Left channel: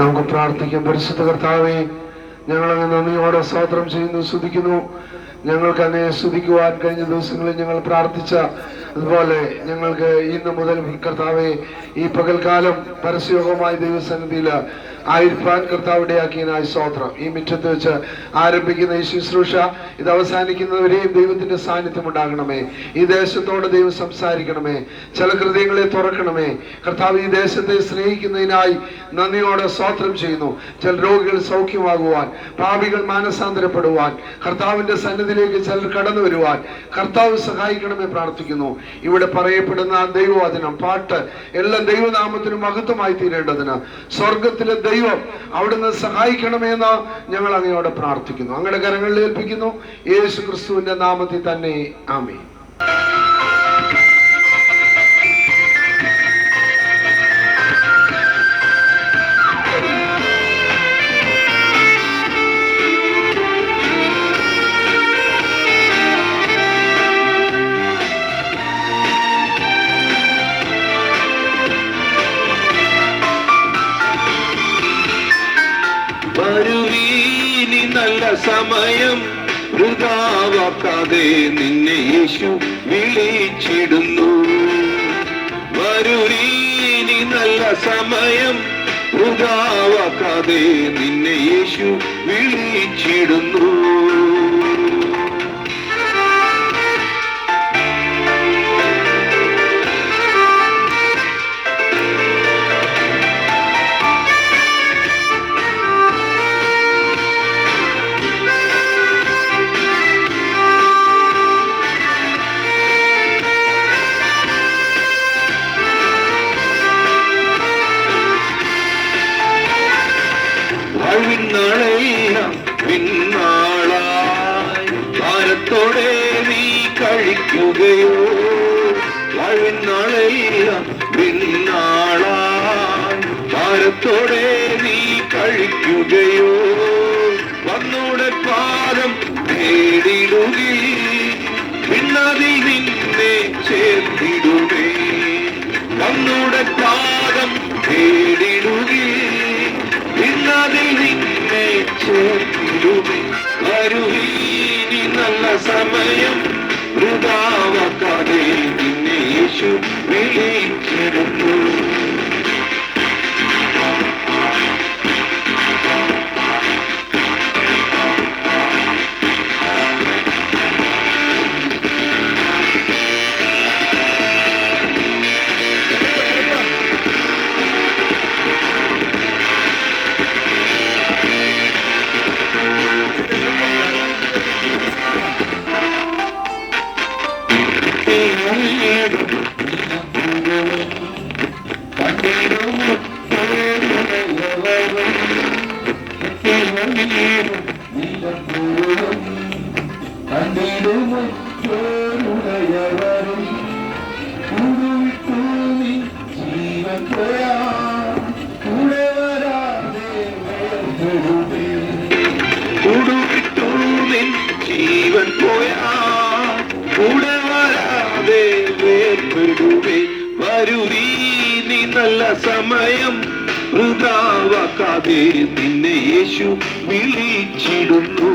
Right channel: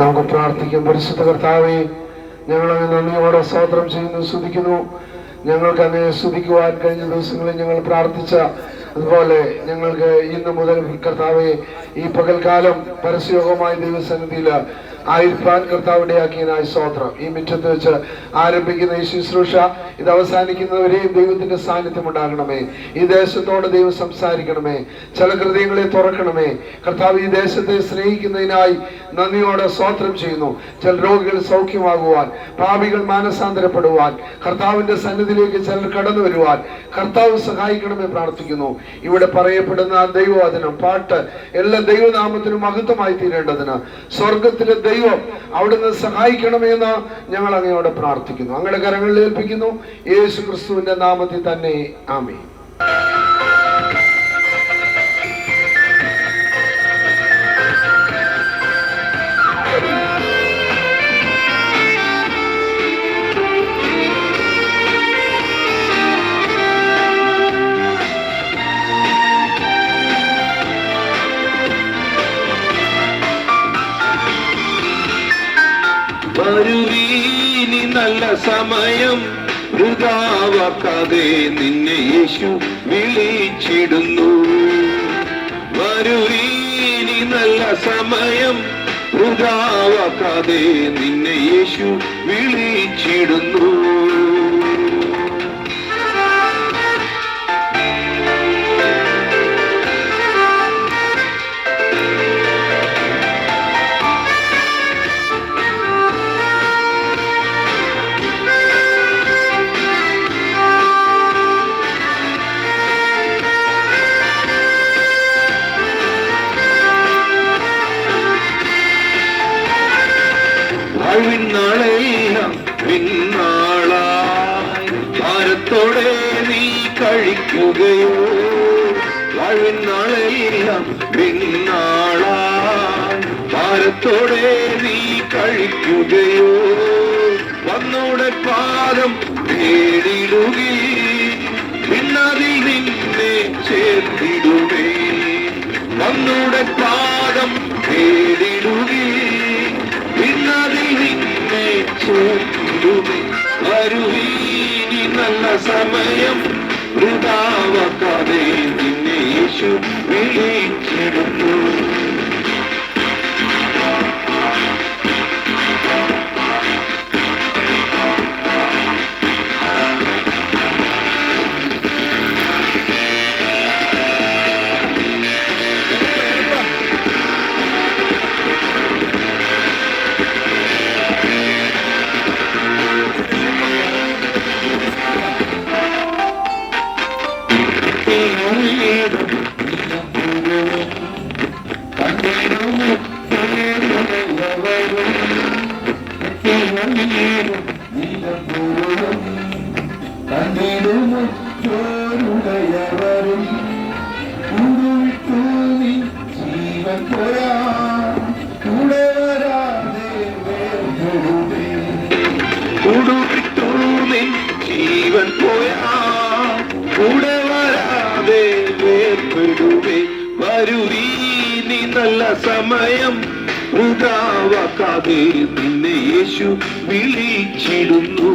നമുക്ക് പ്രാർത്ഥിക്കാം. പരിശുദ്ധ കർത്താവേ, ഞങ്ങളങ്ങ് നന്ദിയോടെ സ്തോത്രം ചെയ്യുന്നു, സ്തുതിക്കുന്നു. ഞങ്ങൾക്ക് അങ്ങേ സ്തുതിക്കുവാൻ കഴിഞ്ഞ ദിവസങ്ങളിൽ ഞങ്ങൾ പ്രാർത്ഥിച്ച അതുപോലെ ഞങ്ങൾക്ക് ഇന്ന് മുതൽ കർത്താവെ ഈ പകൽക്കാലം പരസ്യയോഗമായ ദൈവസന്നിധിയിൽ ആയിരിക്കാൻ കർത്താവിടെ ആക്കിയതിനായി സ്തോത്രം. ഈ മുറ്റത്ത് വെച്ച് ആരംഭിക്കുന്ന ഈ ശുശ്രൂഷ ഇത് അവസാനിക്കുന്നവരെയും ദൈവത്തിന്റെ സാന്നിധ്യം ഉണ്ടാകണമേ. ഈ ദേശത്തോട് ദൈവം സംസാരിക്കണമേ. ചില ഹൃദയങ്ങളെ തുറക്കണമേ കർത്താവ്. ഈ ദേശത്തെ സ്നേഹിക്കുന്നതിനായി നന്ദിയോടെ സ്തോത്രം ചെയ്യുന്നു. ചില രോഗികൾ സൗഖ്യമാകുവാൻ, പാപികൾ മാനസാന്തരപ്പെടുവാൻ, കർത്താവിന്റെ സന്നിധിയിലേക്ക് ചിലർ കടന്നു വരുവാൻ കർത്താവ് സഹായിക്കണമേ പ്രാർത്ഥിക്കുന്നു. ഇവിടെ പറയപ്പെടുന്ന ദൈവവചനം, പാട്ട് എല്ലാ ദൈവനാമത്തിനും മഹത്വമായി തീരേണ്ടതിന് സ്വർഗത്തിലെ ദൈവം അവിടുന്ന് സഹായിക്കണമെന്ന് ഞങ്ങൾ അങ്ങയോട് പ്രാർത്ഥിക്കുന്നു. അങ്ങയുടെ കരങ്ങളിൽ ഏൽപ്പിക്കുന്നു, യേശു ക്രിസ്തുവിന്റെ നാമത്തിൽ തന്നെ, ആമേൻ. വരുവീനി നല്ല സമയം വൃഥാവാക്കാതെ നിന്നെ യേശു വിളിച്ചിടുന്നു. വരുവീനി നല്ല സമയം വൃഥാവാക്കാതെ നിന്നെ യേശു വിളിച്ചിടുന്നു. നാളെല്ലാം പിന്നാളായി ഭാരത്തോടെ നീ കഴിക്കുകയോ, നാളെല്ലാം പിന്നാളായി ഭാരത്തോടെ നീ കഴിക്കുകയോ, വന്നോടെ പാദം നേടിടുകി പിന്നതിൽ നിന്നെ ചേർത്തിടുമേ. വന്നോടെ പാദം നേടിടുകി പിന്നതിൽ നിന്നെ ചേർത്തിടുമേ. വരുവീനി നല്ല സമയം വൃഥാവാക്കാതെ നിന്നെ യേശു വിളിച്ചിടുന്നു. ജീവൻ പോയാ കൂടെ വരാതെ വേർപെടുമേ. വരുവീനി നല്ല സമയം വൃഥാവാക്കാതെ നിന്നെ യേശു വിളിച്ചിടുന്നു.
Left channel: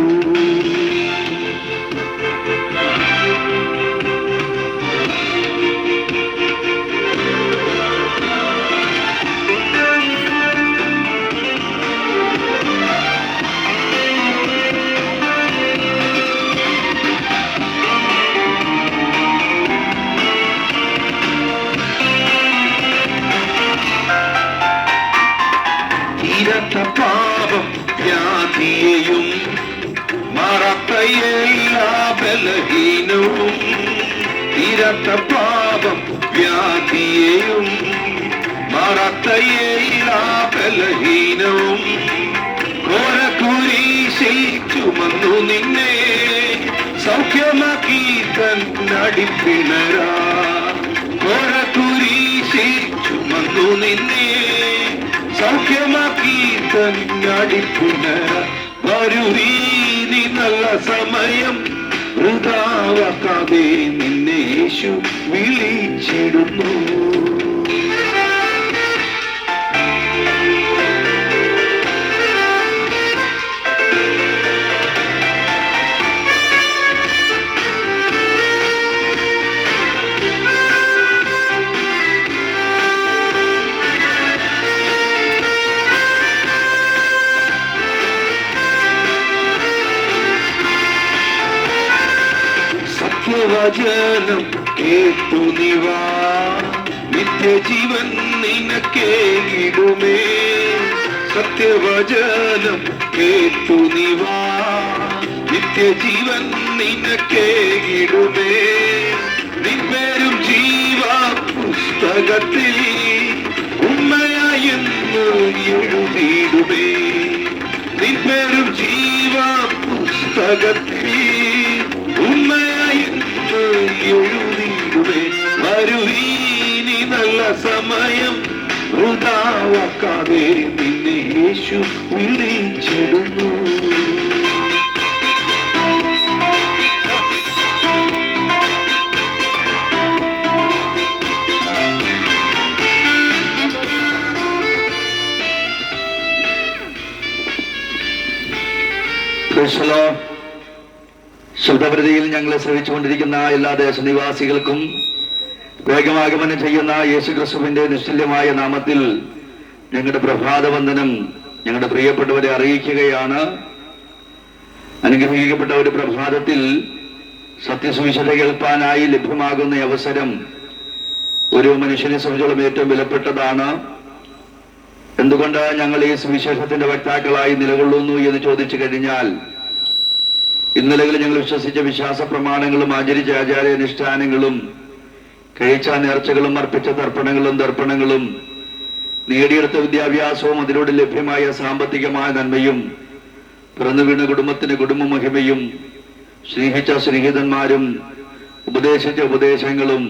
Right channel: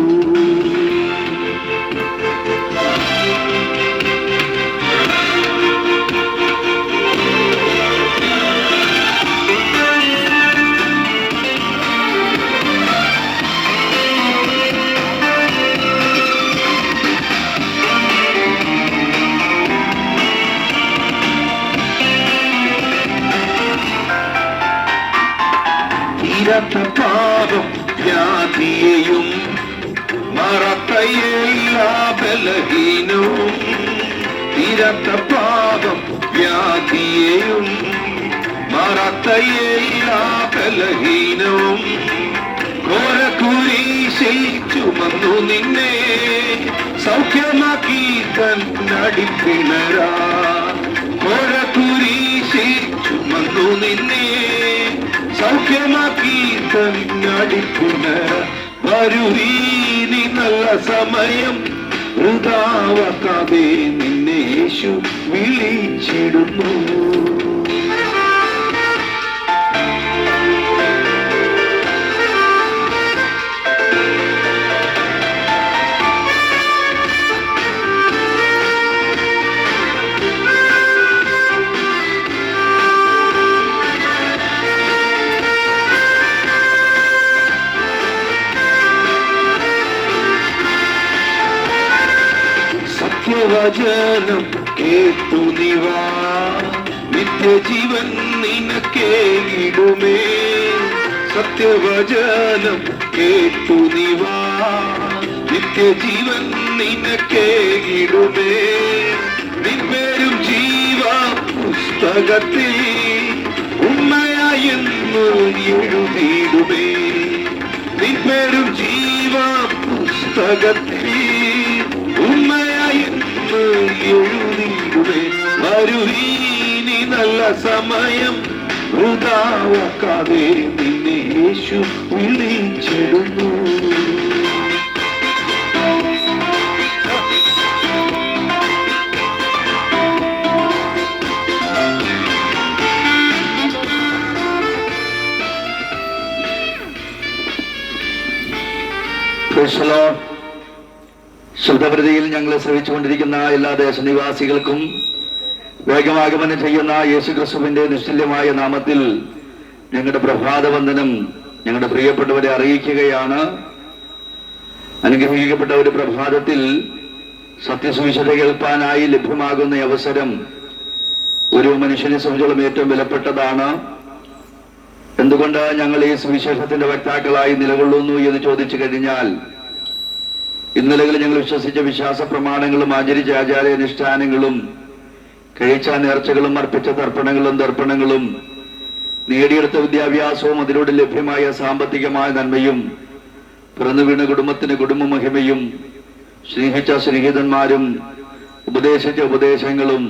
തീരാത്ത പാപം വ്യാധിയെയും മാറാത്ത എല്ലാ ബലഹീനവും, തീരാത്ത പാപം വ്യാധിയെയും മാറാത്ത എല്ലാ ബലഹീനവും, ഘോരകുരിശിൽ ചുമന്നു നിന്നെ സൗഖ്യമാക്കി കണ്ണടിപ്പിണരാ. ഘോരകുരിശിൽ ചുമന്നു നിന്നെ സൗഖ്യമാക്കി കണ്ണടിപ്പിണരാ. വരുവീനി നല്ല സമയം വൃഥാവാക്കാതെ നിന്നെ യേശു വിളിച്ചിടുന്നു. സത്യവചനം കേട്ടു നിവാ നിത്യജീവൻ നിനക്കേകിടുമേ സത്യവചനം കേട്ടു നിവാ നിത്യജീവൻ നിനക്കേകിടുമേ നിൻപേരും ജീവ പുസ്തകത്തിൽ ഉമ്മയായെന്ന് എഴുതിയിടുമേ നിൻപേരും ജീവ പുസ്തകത്തിൽ ഉമ്മയായെന്ന് എഴുതിയിടുമേ വരുവീനി നല്ല സമയം വൃഥാവാക്കാതെ നിന്നെ യേശു വിളിച്ചിടുന്നു ശുദ്ധപ്രതിയിൽ ഞങ്ങളെ ശ്രമിച്ചുകൊണ്ടിരിക്കുന്ന എല്ലാ ദേശനിവാസികൾക്കും വേഗമാഗമനം ചെയ്യുന്ന യേശുക്രിസ്തുവിന്റെ നിശ്ചല്യമായ നാമത്തിൽ ഞങ്ങളുടെ പ്രഭാതവന്ദനം ഞങ്ങളുടെ പ്രിയപ്പെട്ടവരെ അറിയിക്കുകയാണ്. അനുഗ്രഹിക്കപ്പെട്ട ഒരു പ്രഭാതത്തിൽ സത്യസുവിശേഷ കേൾപ്പാനായി ലഭ്യമാകുന്ന അവസരം ഒരു മനുഷ്യനെ സംബന്ധിച്ചോളം ഏറ്റവും വിലപ്പെട്ടതാണ്. എന്തുകൊണ്ട് ഞങ്ങൾ ഈ സുവിശേഷത്തിന്റെ വക്താക്കളായി നിലകൊള്ളുന്നു എന്ന് ചോദിച്ചു കഴിഞ്ഞാൽ, ഇന്നലകളിൽ ഞങ്ങൾ വിശ്വസിച്ച വിശ്വാസ പ്രമാണങ്ങളും ആചരിച്ച ആചാരാനുഷ്ഠാനങ്ങളും കഴിച്ച നേർച്ചകളും അർപ്പിച്ച തർപ്പണങ്ങളും നേടിയെടുത്ത വിദ്യാഭ്യാസവും അതിലൂടെ ലഭ്യമായ സാമ്പത്തികമായ നന്മയും പിറന്നു വീണ കുടുംബത്തിന് കുടുംബ മഹിമയും സ്നേഹിച്ച സ്നേഹിതന്മാരും ഉപദേശിച്ച ഉപദേശങ്ങളും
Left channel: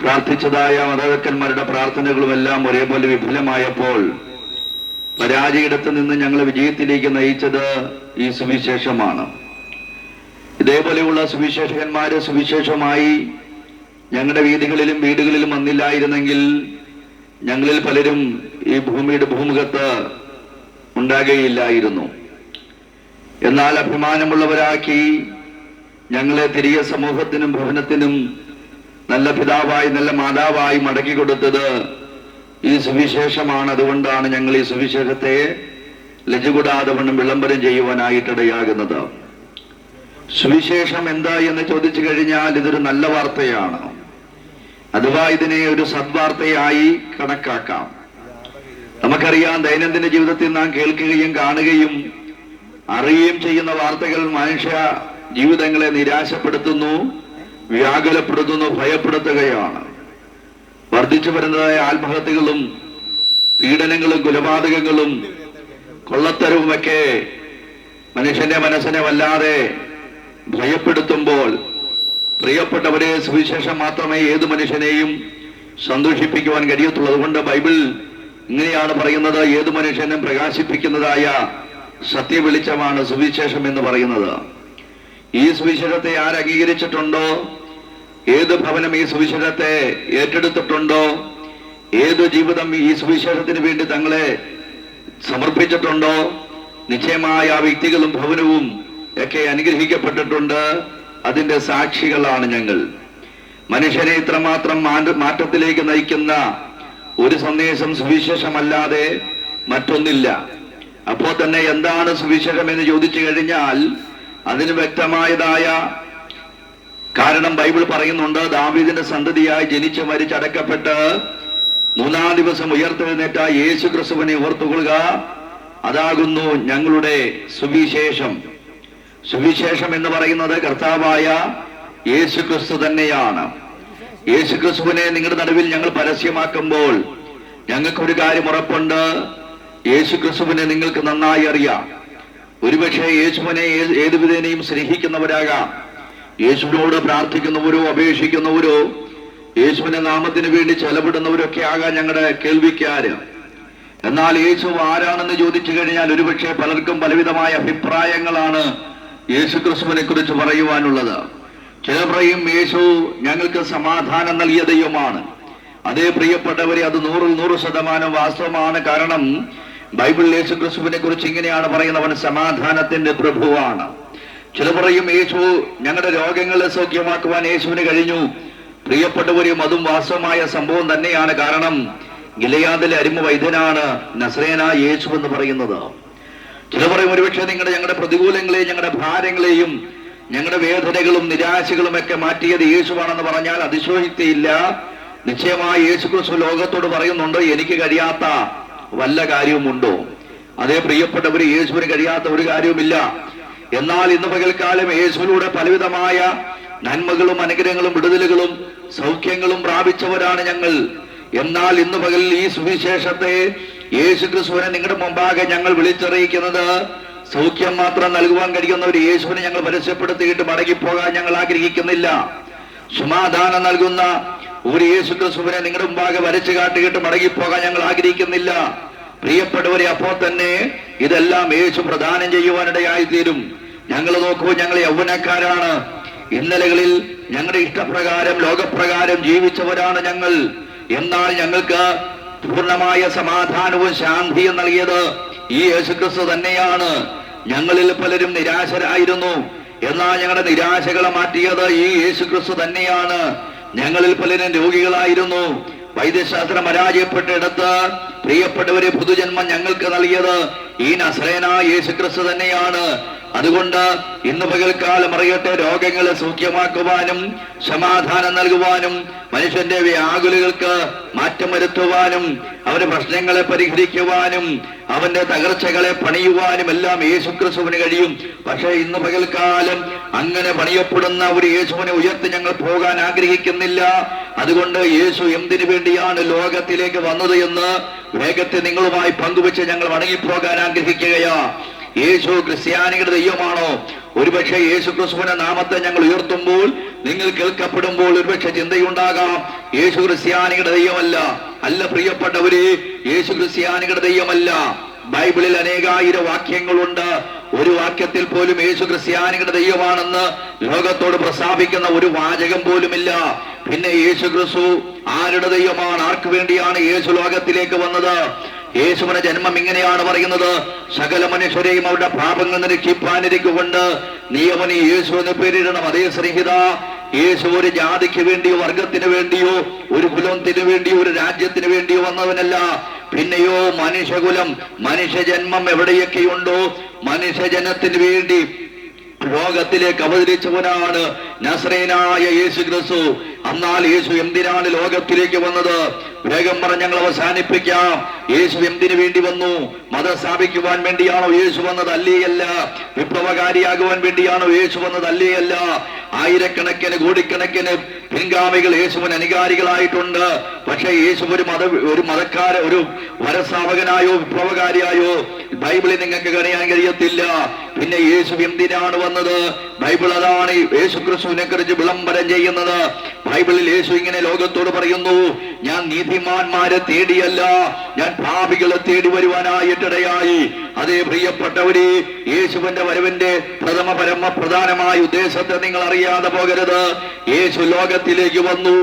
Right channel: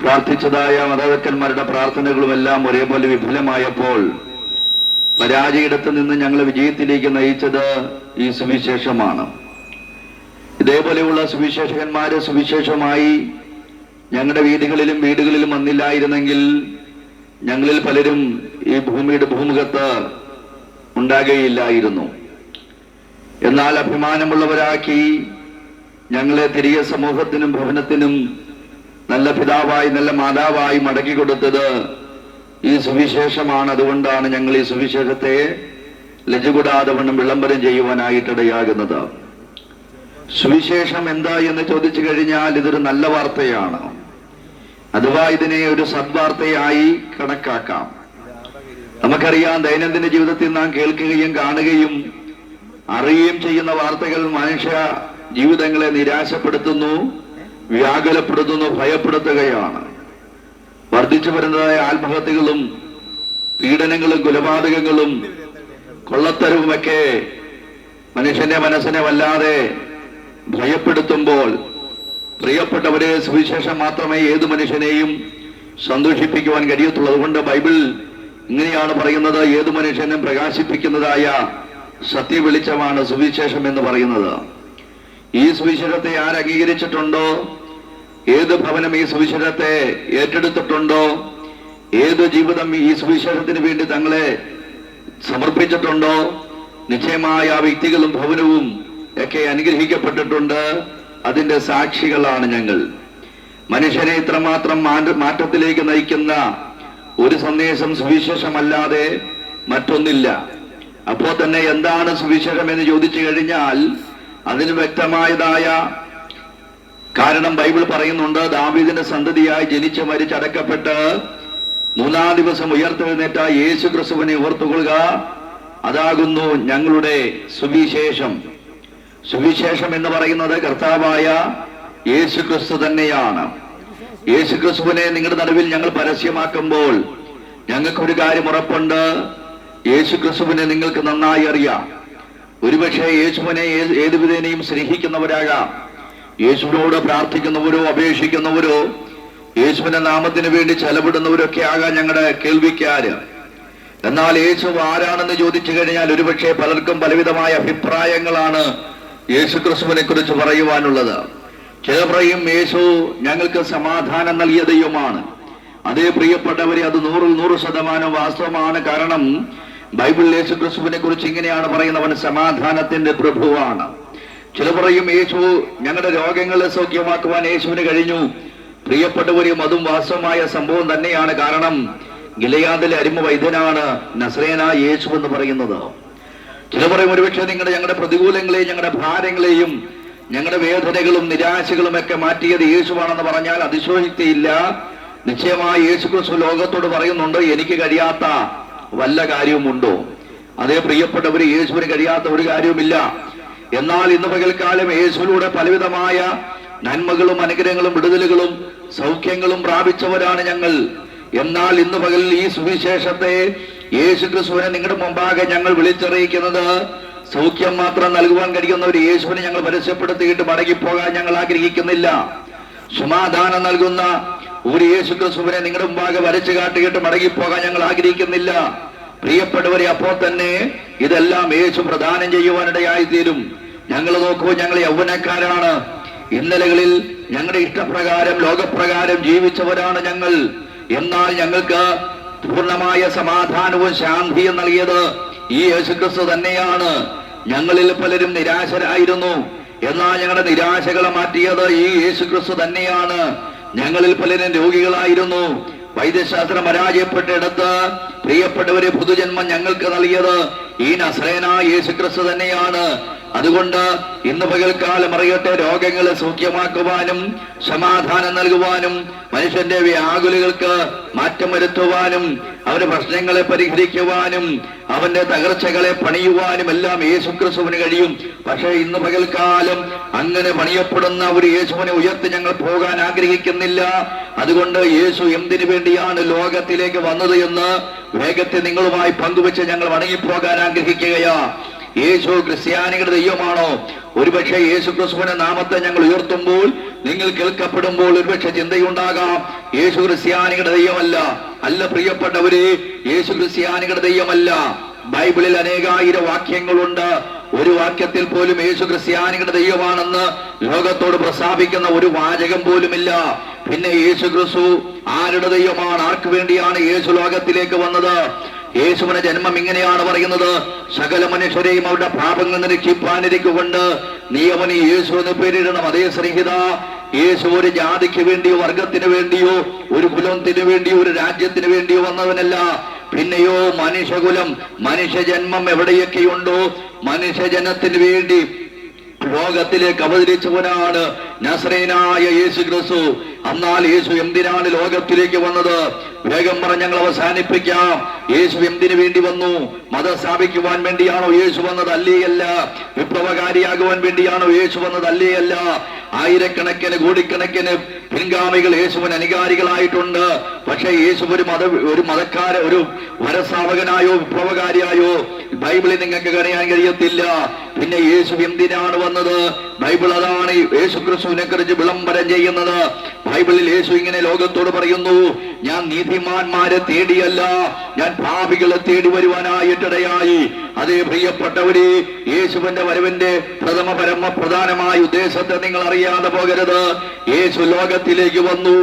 പ്രാർത്ഥിച്ചതായ മാതാപിതാക്കന്മാരുടെ പ്രാർത്ഥനകളും എല്ലാം ഒരേപോലെ വിഫലമായപ്പോൾ പരാജയയിടത്ത് നിന്ന് ഞങ്ങളെ വിജയത്തിലേക്ക് നയിച്ചത് ഈ സുവിശേഷമാണ്. ഇതേപോലെയുള്ള സുവിശേഷകന്മാര് സുവിശേഷമായി ഞങ്ങളുടെ വീടുകളിലും വീടുകളിലും വന്നില്ലായിരുന്നെങ്കിൽ ഞങ്ങളിൽ പലരും ഈ ഭൂമിയുടെ ഭൂമുഖത്ത് ഉണ്ടാകുകയില്ലായിരുന്നു. എന്നാൽ അഭിമാനമുള്ളവരാക്കി ഞങ്ങളെ തിരികെ സമൂഹത്തിനും ഭവനത്തിനും നല്ല പിതാവായി നല്ല മാതാവായി മടക്കി കൊടുത്തത് ഈ സുവിശേഷമാണ്. അതുകൊണ്ടാണ് ഞങ്ങൾ ഈ സുവിശേഷത്തെ ലജ്ജകൂടാതെ വണ്ണം വിളംബരം ചെയ്യുവാനായിട്ടിടയാകുന്നത്. സുവിശേഷം എന്താ എന്ന് ചോദിച്ചു കഴിഞ്ഞാൽ ഇതൊരു നല്ല വാർത്തയാണ്, അഥവാ ഇതിനെ ഒരു സദ്വാർത്തയായി കണക്കാക്കാം. നമുക്കറിയാം, ദൈനംദിന ജീവിതത്തിൽ നാം കേൾക്കുകയും കാണുകയും അറിയുകയും ചെയ്യുന്ന വാർത്തകൾ മനുഷ്യ ജീവിതങ്ങളെ നിരാശപ്പെടുത്തുന്നു, വ്യാകുലപ്പെടുത്തുന്നു, ഭയപ്പെടുത്തുകയാണ്. വർദ്ധിച്ചു വരുന്നതായ ആത്മഹത്യകളും പീഡനങ്ങളും കൊലപാതകങ്ങളും കൊള്ളത്തരവുമൊക്കെ മനുഷ്യന്റെ മനസ്സിനെ വല്ലാതെ ഭയപ്പെടുത്തുമ്പോൾ, പ്രിയപ്പെട്ടവരെ, സുവിശേഷം മാത്രമേ ഏത് മനുഷ്യനെയും സന്തോഷിപ്പിക്കുവാൻ കഴിയത്തുള്ളൂ. അതുകൊണ്ട് ബൈബിൾ ഇങ്ങനെയാണ് പറയുന്നത്, ഏത് മനുഷ്യനും പ്രകാശിപ്പിക്കുന്നതായ സത്യവെളിച്ചമാണ് സുവിശേഷം എന്ന് പറയുന്നത്. ഈ സുവിശേഷത്തെ ആര് അംഗീകരിച്ചിട്ടുണ്ടോ, ഏത് ഭവനം ഈ സുവിശേഷത്തെ ഏറ്റെടുത്തിട്ടുണ്ടോ, ഏത് ജീവിതം ഈ സുവിശേഷത്തിന് വേണ്ടി തങ്ങളെ സമർപ്പിച്ചിട്ടുണ്ടോ, നിശ്ചയമായ ആ വ്യക്തികളും ഭവനവും ഒക്കെ അനുഗ്രഹിക്കപ്പെട്ടിട്ടുണ്ട്. അതിന്റെ സാക്ഷികളാണ് ഞങ്ങൾ. മനുഷ്യനെ ഇത്രമാത്രം മാറ്റത്തിലേക്ക് നയിക്കുന്ന ഒരു സന്ദേശം സുവിശേഷമല്ലാതെ മറ്റൊന്നില്ല. അപ്പോൾ തന്നെ എന്താണ് സുവിശേഷം എന്ന് ചോദിച്ചു കഴിഞ്ഞാൽ അതിന് വ്യക്തമായതായ കാരണം ബൈബിൾ പറയുന്നുണ്ട്. ദാവീദിന്റെ സന്തതിയായി ജനിച്ച് മരിച്ചടക്കപ്പെട്ട് മൂന്നാം ദിവസം ഉയർത്തെഴുന്നേറ്റ യേശു ക്രിസ്തുവിനെ ഓർത്തുകൊള്ളുക, അതാകുന്നു ഞങ്ങളുടെ സുവിശേഷം. സുവിശേഷം എന്ന് പറയുന്നത് കർത്താവായ യേശു ക്രിസ്തു തന്നെയാണ്. യേശു ക്രിസ്തുവിനെ നിങ്ങളുടെ നടുവിൽ ഞങ്ങൾ പരസ്യമാക്കുമ്പോൾ ഞങ്ങൾക്കൊരു കാര്യം ഉറപ്പുണ്ട്, യേശു ക്രിസ്തുവിനെ നിങ്ങൾക്ക് നന്നായി അറിയാം. ഒരുപക്ഷെ യേശുവിനെ ഏത് വിധേനയും സ്നേഹിക്കുന്നവരാകാം, യേശുവിനോട് പ്രാർത്ഥിക്കുന്നവരോ അപേക്ഷിക്കുന്നവരോ യേശുവിന്റെ നാമത്തിന് വേണ്ടി ചെലവിടുന്നവരൊക്കെ ആകാം ഞങ്ങളുടെ കേൾവിക്കാര്. എന്നാൽ യേശു ആരാണെന്ന് ചോദിച്ചു കഴിഞ്ഞാൽ ഒരുപക്ഷെ പലർക്കും പലവിധമായ അഭിപ്രായങ്ങളാണ് യേശു ക്രിസ്തുവിനെ കുറിച്ച് പറയുവാനുള്ളത്. ചിലർ പറയും യേശു ഞങ്ങൾക്ക് സമാധാനം നൽകിയ ദൈവമാണ്. അതേ പ്രിയപ്പെട്ടവരെ, അത് 100% വാസ്തവമാണ്. കാരണം ബൈബിൾ യേശു ക്രിസ്തുവിനെ കുറിച്ച് ഇങ്ങനെയാണ് പറയുന്നത്, അവൻ സമാധാനത്തിന്റെ പ്രഭുവാണ്. ചിലർ പറയും യേശു ഞങ്ങളുടെ രോഗങ്ങളെ സൗഖ്യമാക്കുവാൻ യേശുവിന് കഴിഞ്ഞു. പ്രിയപ്പെട്ടവരെയും അതും വാസ്തവമായ സംഭവം തന്നെയാണ്. കാരണം ഗിലെയാദിലെ അരിമ വൈദ്യനാണ് നസ്രേയനായ യേശു എന്ന് പറയുന്നത്. ചില പറയും ഒരുപക്ഷെ ഞങ്ങളുടെ പ്രതികൂലങ്ങളെയും ഞങ്ങളുടെ ഭാരങ്ങളെയും ഞങ്ങളുടെ വേദനകളും നിരാശകളും ഒക്കെ മാറ്റിയത് യേശുവാണെന്ന് പറഞ്ഞാൽ അതിശോക്തിയില്ല. നിശ്ചയമായി യേശുക്രിസ്തു ലോകത്തോട് പറയുന്നുണ്ട്, എനിക്ക് കഴിയാത്ത വല്ല കാര്യവുമുണ്ടോ? അതേ പ്രിയപ്പെട്ടവര്, യേശുവിന് കഴിയാത്ത ഒരു കാര്യവുമില്ല. എന്നാൽ ഇന്ന് പകൽക്കാലം യേശുവിലൂടെ പലവിധമായ നന്മകളും അനുഗ്രഹങ്ങളും വിടുതലുകളും സൗഖ്യങ്ങളും പ്രാപിച്ചവരാണ് ഞങ്ങൾ. എന്നാൽ ഇന്ന് പകൽ ഈ സുവിശേഷത്തെ യേശുക്രിസ്തുവിനെ നിങ്ങളുടെ മുമ്പാകെ ഞങ്ങൾ വിളിച്ചറിയിക്കുന്നത് സൗഖ്യം മാത്രം നൽകുവാൻ കഴിയുന്ന ഒരു യേശുവിനെ ഞങ്ങൾ പരസ്യപ്പെടുത്തിയിട്ട് മടങ്ങിപ്പോകാൻ ഞങ്ങൾ ആഗ്രഹിക്കുന്നില്ല. സമാധാനം നൽകുന്ന ഒരു യേശുക്രിസ്തുവിനെ നിങ്ങളുടെ മുമ്പാകെ വരച്ചു കാട്ടിയിട്ട് മടങ്ങിപ്പോകാൻ ഞങ്ങൾ ആഗ്രഹിക്കുന്നില്ല. പ്രിയപ്പെട്ടവരെ, അപ്പോൾ തന്നെ ഇതെല്ലാം യേശു പ്രദാനം ചെയ്യുവാനിടയായി തീരും. ഞങ്ങൾ നോക്കുമ്പോൾ ഞങ്ങൾ യൗവനക്കാരാണ്. ഇന്നലകളിൽ ഞങ്ങളുടെ ഇഷ്ടപ്രകാരം ലോകപ്രകാരം ജീവിച്ചവരാണ് ഞങ്ങൾ. എന്നാൽ ഞങ്ങൾക്ക് പൂർണ്ണമായ സമാധാനവും ശാന്തിയും നൽകിയത് ഈ യേശുക്രിസ്തു തന്നെയാണ്. ഞങ്ങളിൽ പലരും നിരാശരായിരുന്നു. എന്നാൽ ഞങ്ങളുടെ നിരാശകളെ മാറ്റിയത് ഈ യേശുക്രിസ്തു തന്നെയാണ്. ഞങ്ങളിൽ പലരും രോഗികളായിരുന്നു. വൈദ്യശാസ്ത്രം പരാജയപ്പെട്ടിടത്ത് പ്രിയപ്പെട്ടവരെ പുതുജന്മം ഞങ്ങൾക്ക് നൽകിയത് ഈ നസറേനായ യേശുക്രിസ്തു തന്നെയാണ്. അതുകൊണ്ട് ഇന്ന് പകൽക്കാലം അറിയട്ടെ, രോഗങ്ങളെ സൗഖ്യമാക്കുവാനും സമാധാനം നൽകുവാനും മനുഷ്യന്റെ വ്യാകുലകൾക്ക് മാറ്റം വരുത്തുവാനും അവന്റെ പ്രശ്നങ്ങളെ പരിഹരിക്കുവാനും അവന്റെ തകർച്ചകളെ പണിയുവാനും എല്ലാം യേശുക്രിസ്തുവിന് കഴിയും. പക്ഷേ ഇന്ന് പകൽക്കാലം അങ്ങനെ പണിയപ്പെടുന്ന ഒരു യേശുവിനെ ഉയർത്തി ഞങ്ങൾ പോകാൻ ആഗ്രഹിക്കുന്നില്ല. അതുകൊണ്ട് യേശു എന്തിനു വേണ്ടിയാണ് ലോകത്തിലേക്ക് വന്നത് എന്ന് വേഗത്തിൽ നിങ്ങളുമായി പങ്കുവെച്ച് ഞങ്ങൾ മടങ്ങിപ്പോകാൻ ആഗ്രഹിക്കുകയാ. യേശു ക്രിസ്ത്യാനികളുടെ ദൈവമാണോ? ഒരുപക്ഷെ യേശു ക്രിസ്തുവിന്റെ നാമത്തെ ഞങ്ങൾ ഉയർത്തുമ്പോൾ, നിങ്ങൾ കേൾക്കപ്പെടുമ്പോൾ ഒരുപക്ഷെ ചിന്തയുണ്ടാകാം, യേശു ക്രിസ്ത്യാനികളുടെ ദൈവമല്ല. അല്ല പ്രിയപ്പെട്ടവരെ, യേശു ക്രിസ്ത്യാനികളുടെ ദൈവമല്ല. ബൈബിളിൽ അനേകായിരം വാക്യങ്ങളുണ്ട്. ഒരു വാക്യത്തിൽ പോലും യേശു ക്രിസ്ത്യാനികളുടെ ദൈവമാണെന്ന് ലോകത്തോട് പ്രസ്താവിക്കുന്ന ഒരു വാചകം പോലുമില്ല. പിന്നെ യേശു ക്രിസ്തു ആരുടെ ദൈവമാണ്? ആർക്ക് വേണ്ടിയാണ് യേശു ലോകത്തിലേക്ക് വന്നത്? യേശുവിന്റെ ജന്മം ഇങ്ങനെയാണ് പറയുന്നത്: സകല മനുഷ്യരെയും അവരുടെ പാപങ്ങൾ രക്ഷിപ്പാനിരിക്കൊണ്ട് നീ അവന് യേശു എന്ന് പേരിടണം. അതേ സ്നേഹിത, യേശു ഒരു ജാതിക്ക് വേണ്ടിയോ വർഗത്തിന് വേണ്ടിയോ ഒരു കുലത്തിന് വേണ്ടിയോ ഒരു രാജ്യത്തിന് വേണ്ടിയോ വന്നവനല്ല. പിന്നെയോ മനുഷ്യകുലം, മനുഷ്യജന്മം എവിടെയൊക്കെയുണ്ടോ മനുഷ്യജനത്തിന് വേണ്ടി ലോകത്തിലേക്ക് അവതരിച്ചവനാണ് നസറേനായ യേശു ക്രിസ്തു. എന്നാൽ യേശു എന്തിനാണ് ലോകത്തിലേക്ക് വന്നത്? വേഗം പറഞ്ഞ് ഞങ്ങൾ അവസാനിപ്പിക്കാം. യേശു എന്തിനു വേണ്ടി വന്നു? മതം സ്ഥാപിക്കുവാൻ വേണ്ടിയാണോ യേശു വന്നത്? അല്ലേയല്ല. വിപ്ലവകാരിയാകുവാൻ വേണ്ടിയാണോ യേശു വന്നത്? അല്ലേയല്ല. ആയിരക്കണക്കിന് കോടിക്കണക്കിന് പിൻഗാമികൾ യേശുവിന് അനുകാരികളായിട്ടുണ്ട്. പക്ഷേ യേശു ഒരു വരസ്ഥാപകനായോ വിപ്ലവകാരിയായോ ബൈബിളിൽ നിങ്ങൾക്ക് അറിയാൻ കഴിയത്തില്ല. പിന്നെ യേശു എന്തിനാണ് വന്നത്? ബൈബിൾ അതാണ് യേശു ക്രിസ്തുവിനെ കുറിച്ച് വിളംബരം ചെയ്യുന്നത്. ബൈബിളിൽ യേശു ഇങ്ങനെ ലോകത്തോട് പറയുന്നു: ഞാൻ നീതിമാന്മാരെ തേടിയല്ല, ഞാൻ പാപികളെ തേടി വരുവാനായിട്ടിടയായി. അതേ പ്രിയപ്പെട്ടവരെ, യേശുവിന്റെ വരവിന്റെ പ്രധാനമായ ഉദ്ദേശത്തെ നിങ്ങൾ അറിയാതെ പോകരുത്. യേശു ലോകത്തിലേക്ക് വന്നു.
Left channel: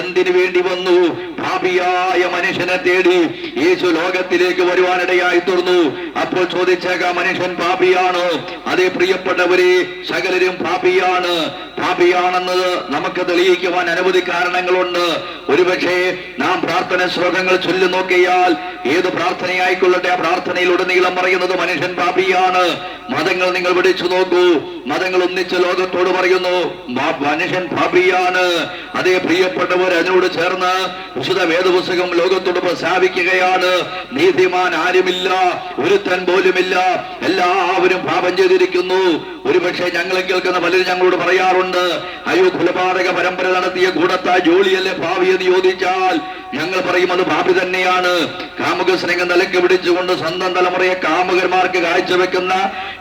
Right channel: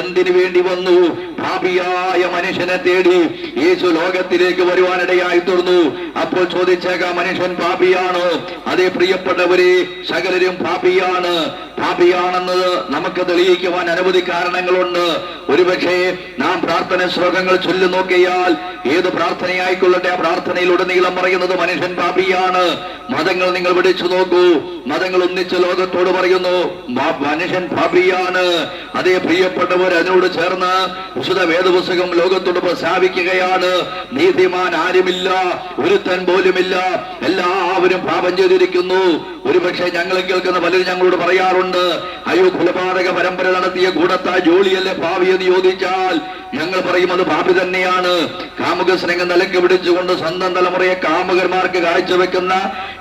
എന്തിനു വേണ്ടി വന്നു? പാപിയായ മനുഷ്യനെ തേടി യേശു ലോകത്തിലേക്ക് വരുവാനിടയായി തീർന്നു. അപ്പോൾ ചോദിച്ചേക്കാം, മനുഷ്യൻ പാപിയാണോ? അതേ പ്രിയപ്പെട്ടവരെ, സകലരും പാപിയാണ്. പാപിയാണെന്നത് നമുക്ക് തെളിയിക്കുവാൻ അനവധി കാരണങ്ങളുണ്ട്. ഒരുപക്ഷെ നാം പ്രാർത്ഥന ശ്ലോകങ്ങൾ ചൊല്ലി നോക്കിയാൽ ഏത് പ്രാർത്ഥനയായിക്കൊള്ളട്ടെ, ആ പ്രാർത്ഥനയിലുടനീളം പറയുന്നത് മനുഷ്യൻ പാപിയാണ്. മതങ്ങൾ നിങ്ങൾ പിടിച്ചു നോക്കൂ, മതങ്ങൾ ഒന്നിച്ച് ലോകത്തോട് പറയുന്നു മനുഷ്യൻ പാപിയാണ്. അതേ പ്രിയപ്പെട്ടവർ, അതിനോട് ചേർന്ന് വിശുദ്ധ വേദപുസ്തകം ലോകത്തോട് പ്രസ്താവിക്കുകയാണ്: നീതിമാൻ ആരുമില്ല, ഒരുത്തൻ പോലുമില്ല, എല്ലാവരും പാപം ചെയ്തിരിക്കുന്നു. ഒരുപക്ഷെ ഞങ്ങളെ കേൾക്കുന്ന പലരും ഞങ്ങളോട് പറയാറുണ്ട്, അയ്യോ കൊലപാതക പരമ്പര നടത്തിയ കൂടത്താ ജോലിയല്ലേ പാപി എന്ന് ചോദിച്ചാൽ ഞങ്ങൾ പറയും അത് പാപി തന്നെയാണ്. കാമുക സ്നേഹം നിലക്ക് പിടിച്ചുകൊണ്ട് സ്വന്തം തലമുറയെ കാമുകന്മാർക്ക് കാഴ്ചവെക്കുന്ന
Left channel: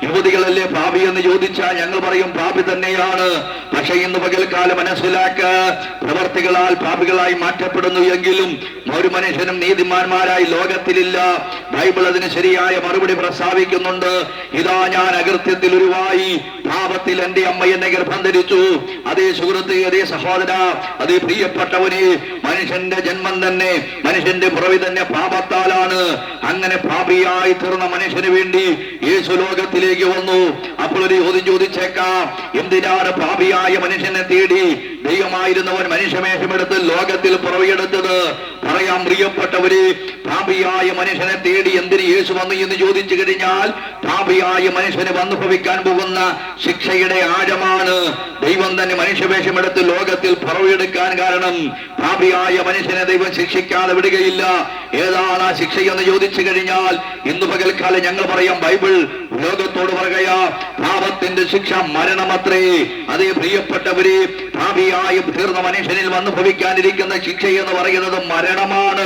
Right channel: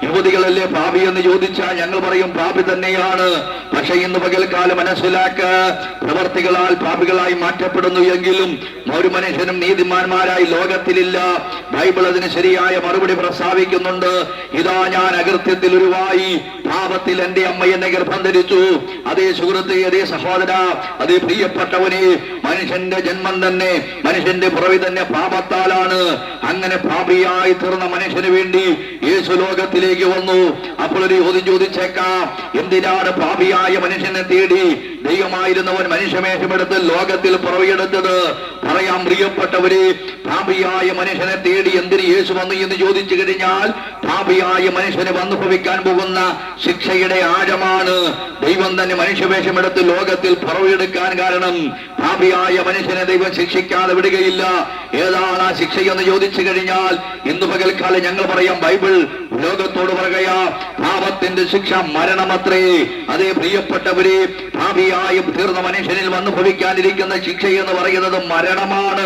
യുവതികളല്ലേ പാപി എന്ന് ചോദിച്ചാൽ ഞങ്ങൾ പറയും പാപി തന്നെയാണ്. പക്ഷെ ഇന്ന് പകൽക്കാലം മനസ്സിലാക്ക, പ്രവർത്തികളാൽ പാപികളായി മാറ്റപ്പെടുന്നു എങ്കിലും ഒരു മനുഷ്യനും നീതിമാന്മാരായി ലോകത്തിലില്ല. ബൈബിൾ അതിന് ശരിയായ മറുപടി പ്രസ്താവിക്കുന്നുണ്ട്: ഇതാ ഞാൻ അകൃത്യത്തിൽ ഉരുവായി, പാപത്തിൽ എന്റെ അമ്മ എന്നെ ഗർഭം ധരിച്ചു. അതേ സുഹൃത്ത്, അതേ സഹോദര, അതേ പ്രിയപ്പെട്ടവനെ, മനുഷ്യന്റെ ജന്മം തന്നെ, മനുഷ്യന്റെ പുറവി തന്നെ പാപത്താലാണ്. അങ്ങനെ പാപിയായി തീർന്ന മനുഷ്യന് വേണ്ടി യേശു ലോകത്തിലേക്ക് വന്നു. അപ്പോൾ ഒരു ചോദ്യം ചോദിച്ചേക്കാം, എന്തിനാണ് പാപിയായ മനുഷ്യനെ തേടി ദൈവമായിരുന്നവൻ മനുഷ്യവേഷമെടുത്ത് ലോകത്തിൽ പുറവെടുത്തത്? പറയാം പ്രിയപ്പെട്ടവരെ, പാപിയായ മനുഷ്യനെ തേടി എന്തിന് യേശു വന്നു എന്ന് ചോദിച്ചു കഴിഞ്ഞാൽ, പാപിയായ മനുഷ്യന് വന്നുഭവിക്കാൻ പോകുന്ന ശിക്ഷയുടെ ആഴമാണ് ദൈവം തന്നെ മനുഷ്യവേഷമെടുത്ത് ലോകത്തിൽ പുറവെടുക്കാൻ കാരണം. പാപിയായ മനുഷ്യനെ ദൈവം ശിക്ഷിക്കാതെ വിടുകയില്ല. ഏതാണ് ആ ശിക്ഷയെന്ന് ചോദിച്ചു കഴിഞ്ഞാൽ, ഇന്ന് പകൽക്കാലം ഞങ്ങൾ പറയാം, ബൈബിൾ ലോകത്തോട് പറയുക, പാപത്തിന്റെ ശിക്ഷ മരണമത്രേ. അതേ പ്രിയപ്പെട്ടവരെ, പാപിയായി തീർന്ന മനുഷ്യനിൽ വന്നു ഭവിക്കാനിരിക്കുന്ന ശിക്ഷ എന്ന് പറയുന്നത് മരണമാണ്.